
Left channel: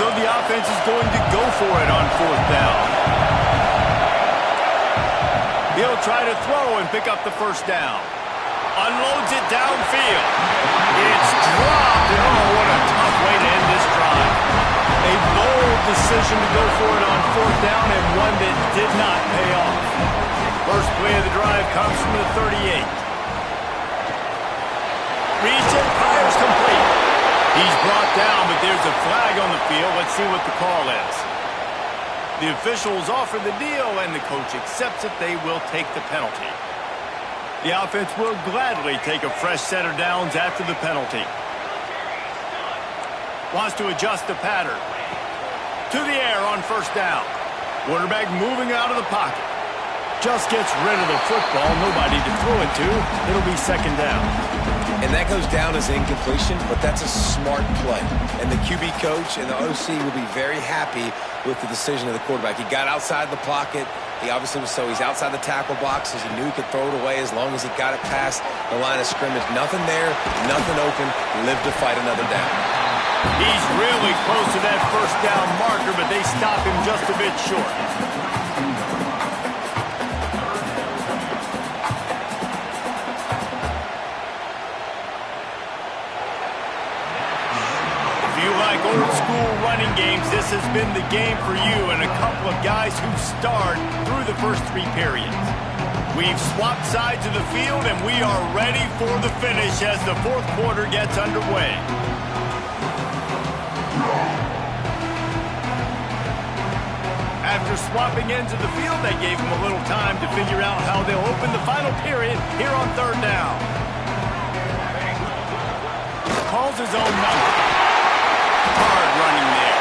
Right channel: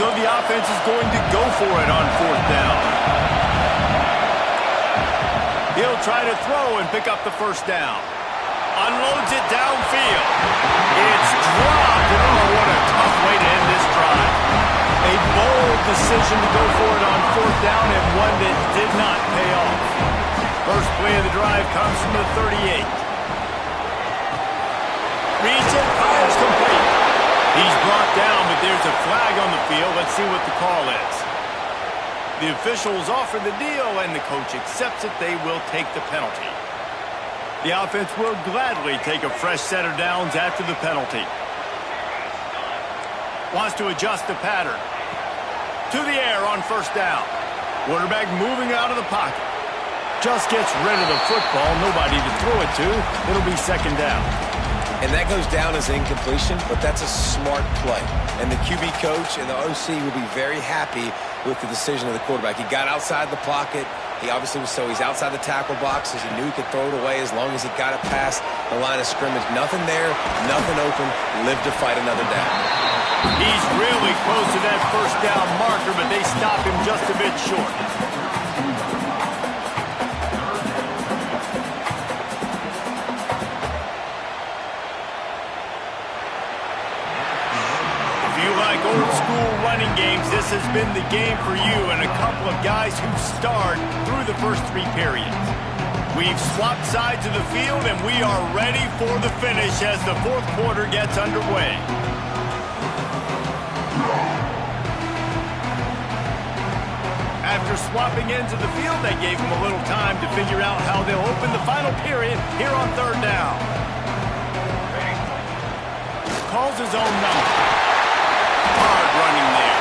So the offense is going to go for it on 4th down. He'll try to throw and pick up the 1st down. Unloads it downfield. It's dropped, and oh, what a tough way to end this drive. A bold decision to go for it on 4th down, and one that did not pay off. First play of the drive comes from the 38. Reads it, fires complete. He's brought down, but there's a flag on the field. Let's see what the call is. The officials offer the deal, and the coach accepts it. They will take the penalty. The offense will gladly take a fresh set of downs after the penalty. Wants to adjust the pattern. To the air on 1st down. Quarterback moving out of the pocket. Just gets rid of the football. Nobody to throw it to. It'll be 2nd down. And that goes down as incompletion, but that's a smart play. And the QB coach and the OC will be very happy with the decision of the quarterback. He got outside the pocket. He obviously was he's outside the tackle box as he knew he could throw it away as long as he got it past the line of scrimmage. Nothing there, nothing open, lived to fight another down. He's really close to that 1st down marker, but they stop him just a bit short. Like old school running games, this has been the game for you and a couple of guys who've starred through the first 3 periods. We've swapped sides of the field and we are ready for the finish as the 4th quarter gets underway. After swapping ends of the field, they gave him a little time to figure out how they'll open the final period here on 3rd down. Calls his own number. Hard running there.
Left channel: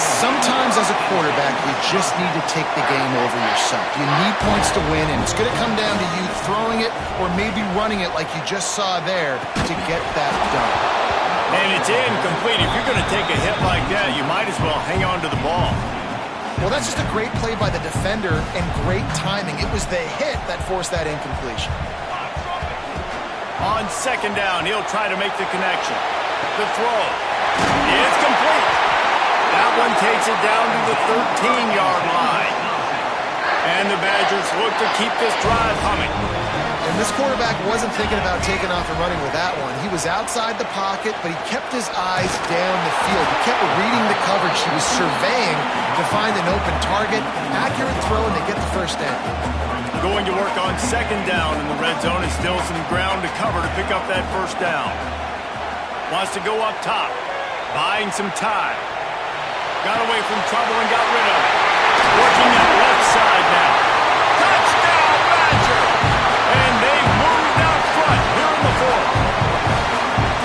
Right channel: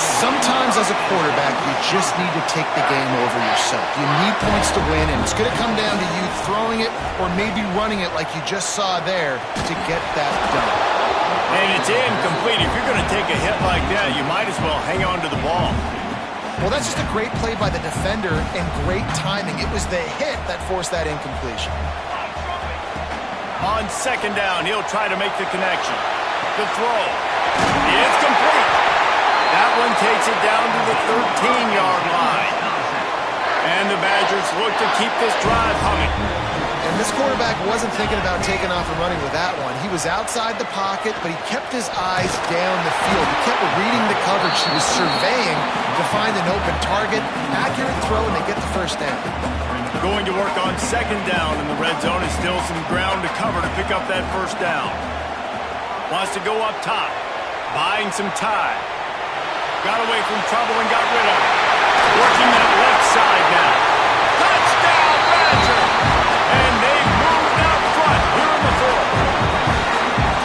Sometimes as a quarterback, you just need to take the game over yourself. You need points to win, and it's going to come down to you throwing it or maybe running it like you just saw there to get that done. And it's incomplete. If you're going to take a hit like that, you might as well hang on to the ball. Well, that's just a great play by the defender and great timing. It was the hit that forced that incompletion. On 2nd down, he'll try to make the connection. The throw is complete. That one takes it down to the 13-yard line. And the Badgers look to keep this drive humming. And this quarterback wasn't thinking about taking off and running with that one. He was outside the pocket, but he kept his eyes down the field. He kept reading the coverage. He was surveying to find an open target. Accurate throw, and they get the first down. Going to work on second down in the red zone. Is still some ground to cover to pick up that first down. Wants to go up top. Buying some time. Got away from trouble and got rid of it. Working that left side now. Touchdown, Badger! And they've moved out front here in the fourth.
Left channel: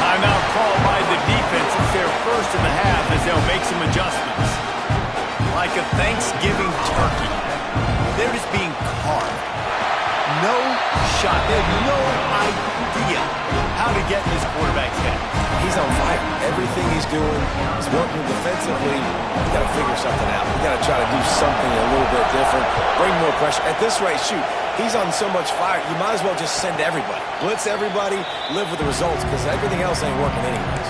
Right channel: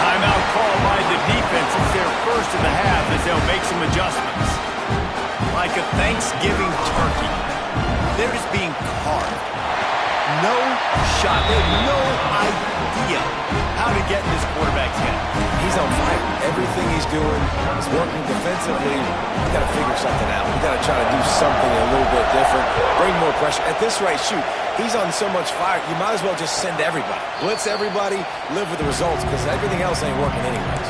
Timeout called by the defense. It's their first in the half as they'll make some adjustments. Like a Thanksgiving turkey. They're just being carved. No shot. They have no idea how to get in this quarterback's head. He's on fire. Everything he's doing is working defensively. We got to figure something out. We got to try to do something a little bit different. Bring more pressure. At this rate, shoot, he's on so much fire. You might as well just send everybody. Blitz everybody. Live with the results because everything else ain't working anyways.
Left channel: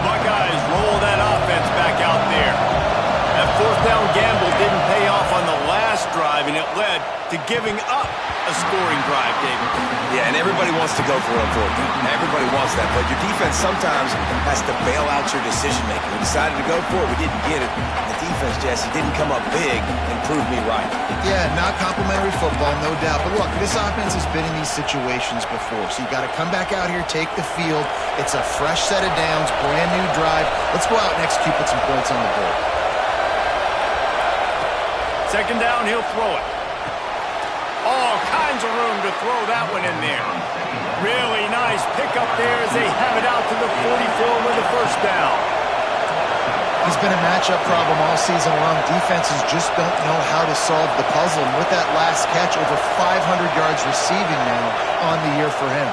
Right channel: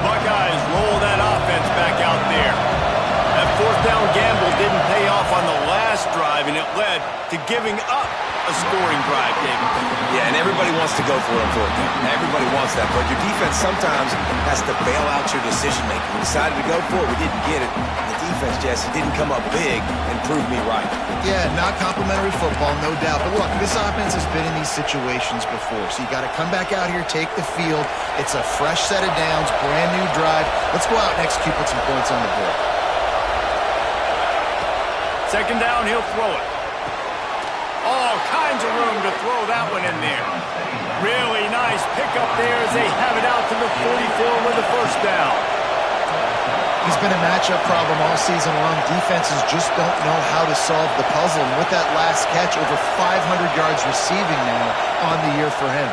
Buckeyes roll that offense back out there. That fourth down gamble didn't pay off on the last drive, and it led to giving up a scoring drive, David. Yeah, and everybody wants to go for it on fourth down. Everybody wants that, but your defense sometimes has to bail out your decision-making. We decided to go for it. We didn't get it. The defense, Jesse, didn't come up big and prove me right. Yeah, not complimentary football, no doubt. But look, this offense has been in these situations before, so you got to come back out here, take the field. It's a fresh set of downs, brand new drive. Let's go out and execute, put some points on the board. Second down, he'll throw it. All kinds of room to throw that one in there. Really nice pickup there as they have it out to the 44 with the first down. He's been a matchup problem all season long. Defenses just don't know how to solve the puzzle. And with that last catch, over 500 yards receiving now on the year for him.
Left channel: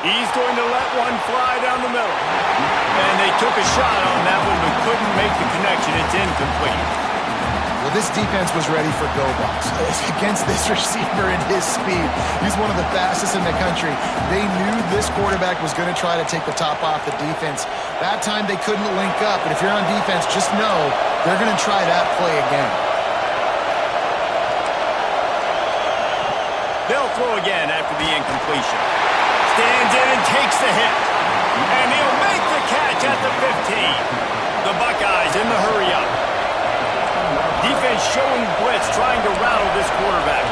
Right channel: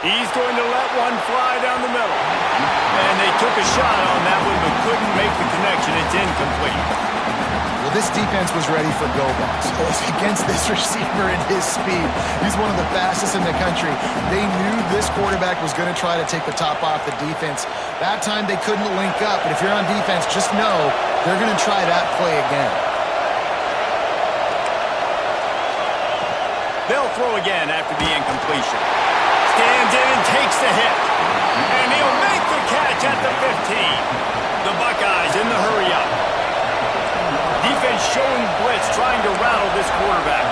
He's going to let one fly down the middle. And they took a shot on that one but couldn't make the connection. It's incomplete. Well, this defense was ready for go balls against this receiver and his speed. He's one of the fastest in the country. They knew this quarterback was going to try to take the top off the defense. That time they couldn't link up, but if you're on defense, just know they're going to try that play again. They'll throw again after the incompletion. Stands in and takes the hit. And he'll make the catch at the 15. The Buckeyes in the hurry up. Defense showing blitz, trying to rattle this quarterback.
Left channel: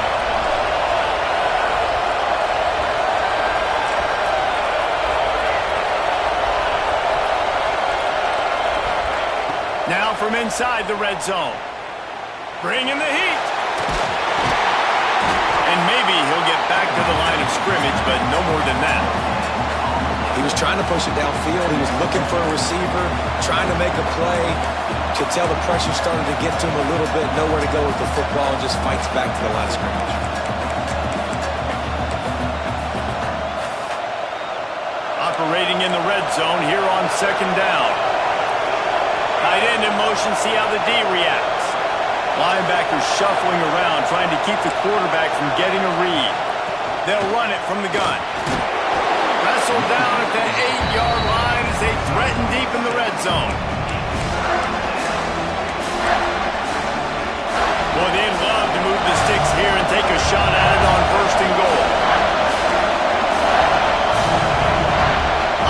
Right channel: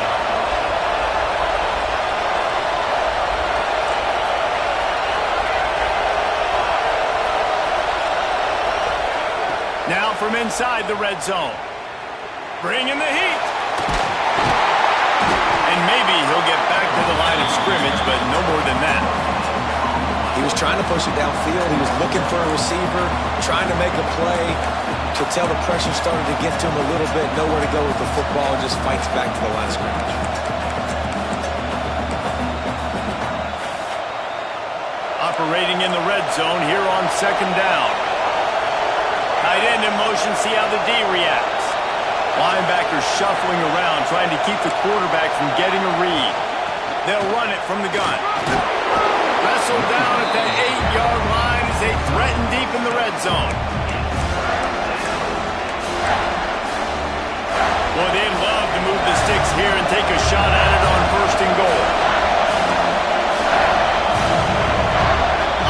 Now from inside the red zone. Bringing the heat. And maybe he'll get back to the line of scrimmage, but no more than that. He was trying to push it downfield. He was looking for a receiver, trying to make a play. Could tell the pressure started to get to him a little bit. Nowhere to go with the football, and just fights back to the line of scrimmage. Operating in the red zone here on second down. Tight end in motion, see how the D reacts. Linebackers shuffling around, trying to keep the quarterback from getting a read. They'll run it from the gun. Wrestled down at the 8-yard line as they threaten deep in the red zone. Boy, they'd love to move the sticks here and take a shot at it on first and goal.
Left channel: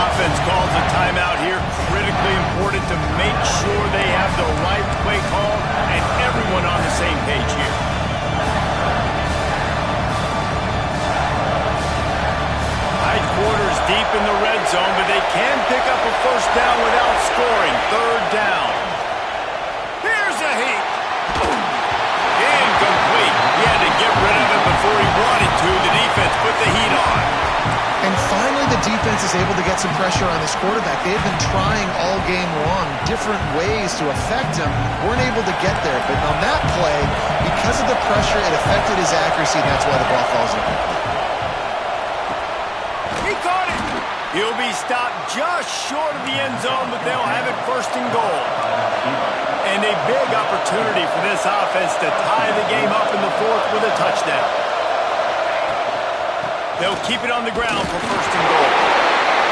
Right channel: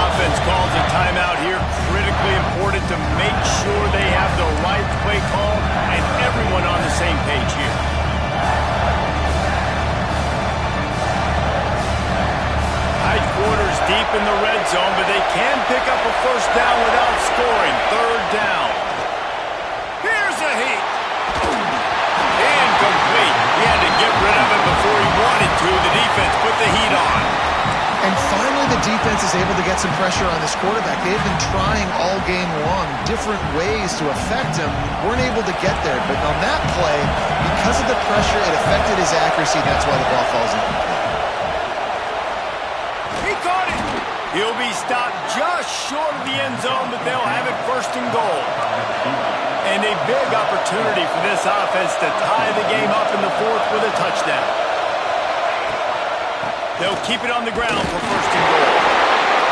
Offense calls a timeout here. Critically important to make sure they have the right play call and everyone on the same page here. Tight quarters deep in the red zone, but they can pick up a first down without scoring. Third down. Here's a heat. Incomplete. He had to get rid of it before he wanted to. The defense put the heat on. And finally, the defense is able to get some pressure on this quarterback. They've been trying all game long different ways to affect him. Weren't able to get there. But on that play, because of the pressure, it affected his accuracy. That's why the ball falls incomplete. He caught it. He'll be stopped just short of the end zone, but they'll have it first and goal. And a big opportunity for this offense to tie the game up in the fourth with a touchdown. They'll keep it on the ground for first and goal.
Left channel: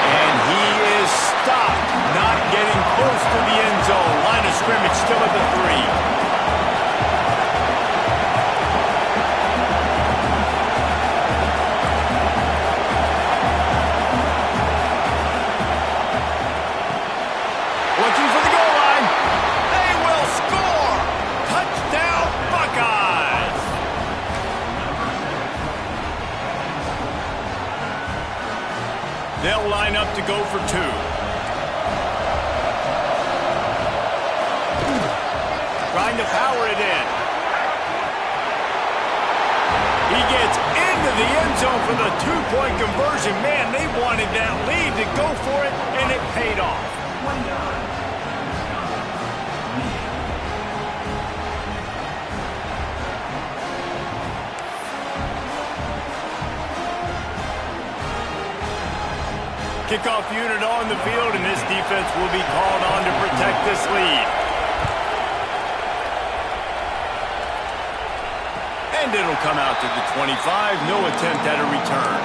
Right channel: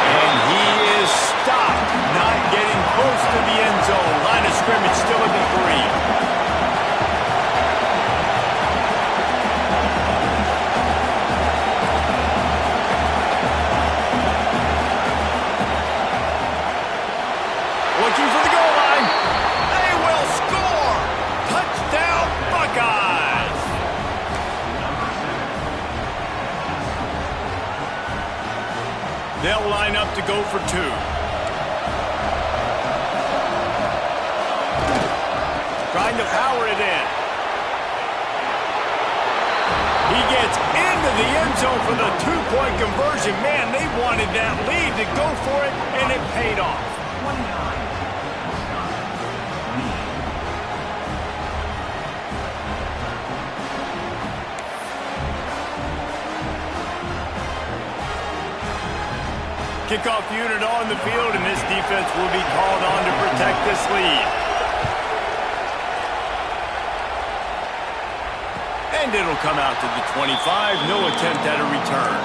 And he is stopped, not getting close to the end zone. Line of scrimmage still at the 3. Looking for the goal line. They will score. Touchdown, Buckeyes. They'll line up to go for 2. Trying to power it in. He gets into the end zone for the 2-point conversion. Man, they wanted that lead to go for it, and it paid off. 29. Kickoff unit on the field, and this defense will be called on to protect this lead. And it'll come out to the 25. No attempt at a return.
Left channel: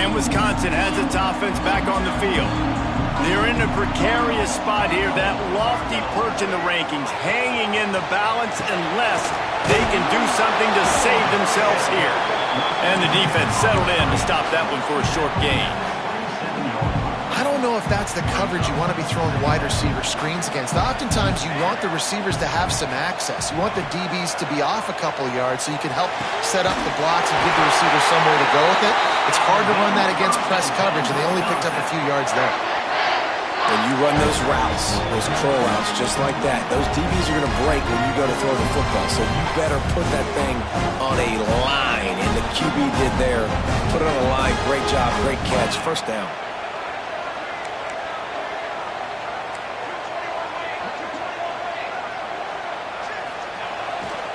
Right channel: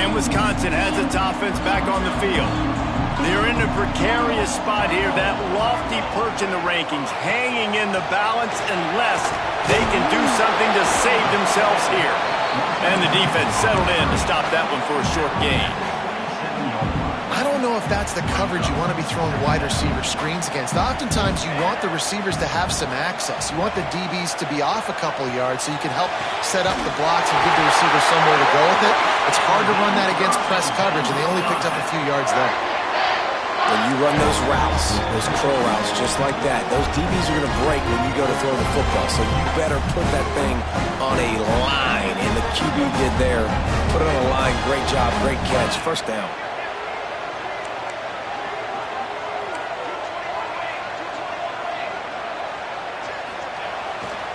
And Wisconsin has its offense back on the field. They're in a precarious spot here, that lofty perch in the rankings, hanging in the balance unless they can do something to save themselves here. And the defense settled in to stop that one for a short gain. I don't know if that's the coverage you want to be throwing wide receiver screens against. Oftentimes, you want the receivers to have some access. You want the DBs to be off a couple of yards so you can help set up the blocks and give the receiver somewhere to go with it. It's hard to run that against press coverage, and they only picked up a few yards there. When you run those routes, those curl routes, just like that, those DBs are going to break when you go to throw the football. So you better put that thing on a line. And the QB did there. Put it on a line. Great job. Great catch. First down.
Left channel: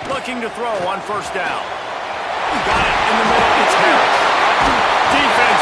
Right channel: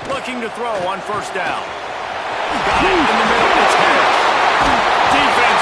Looking to throw on first down. Got it in the middle. It's Harris. Defense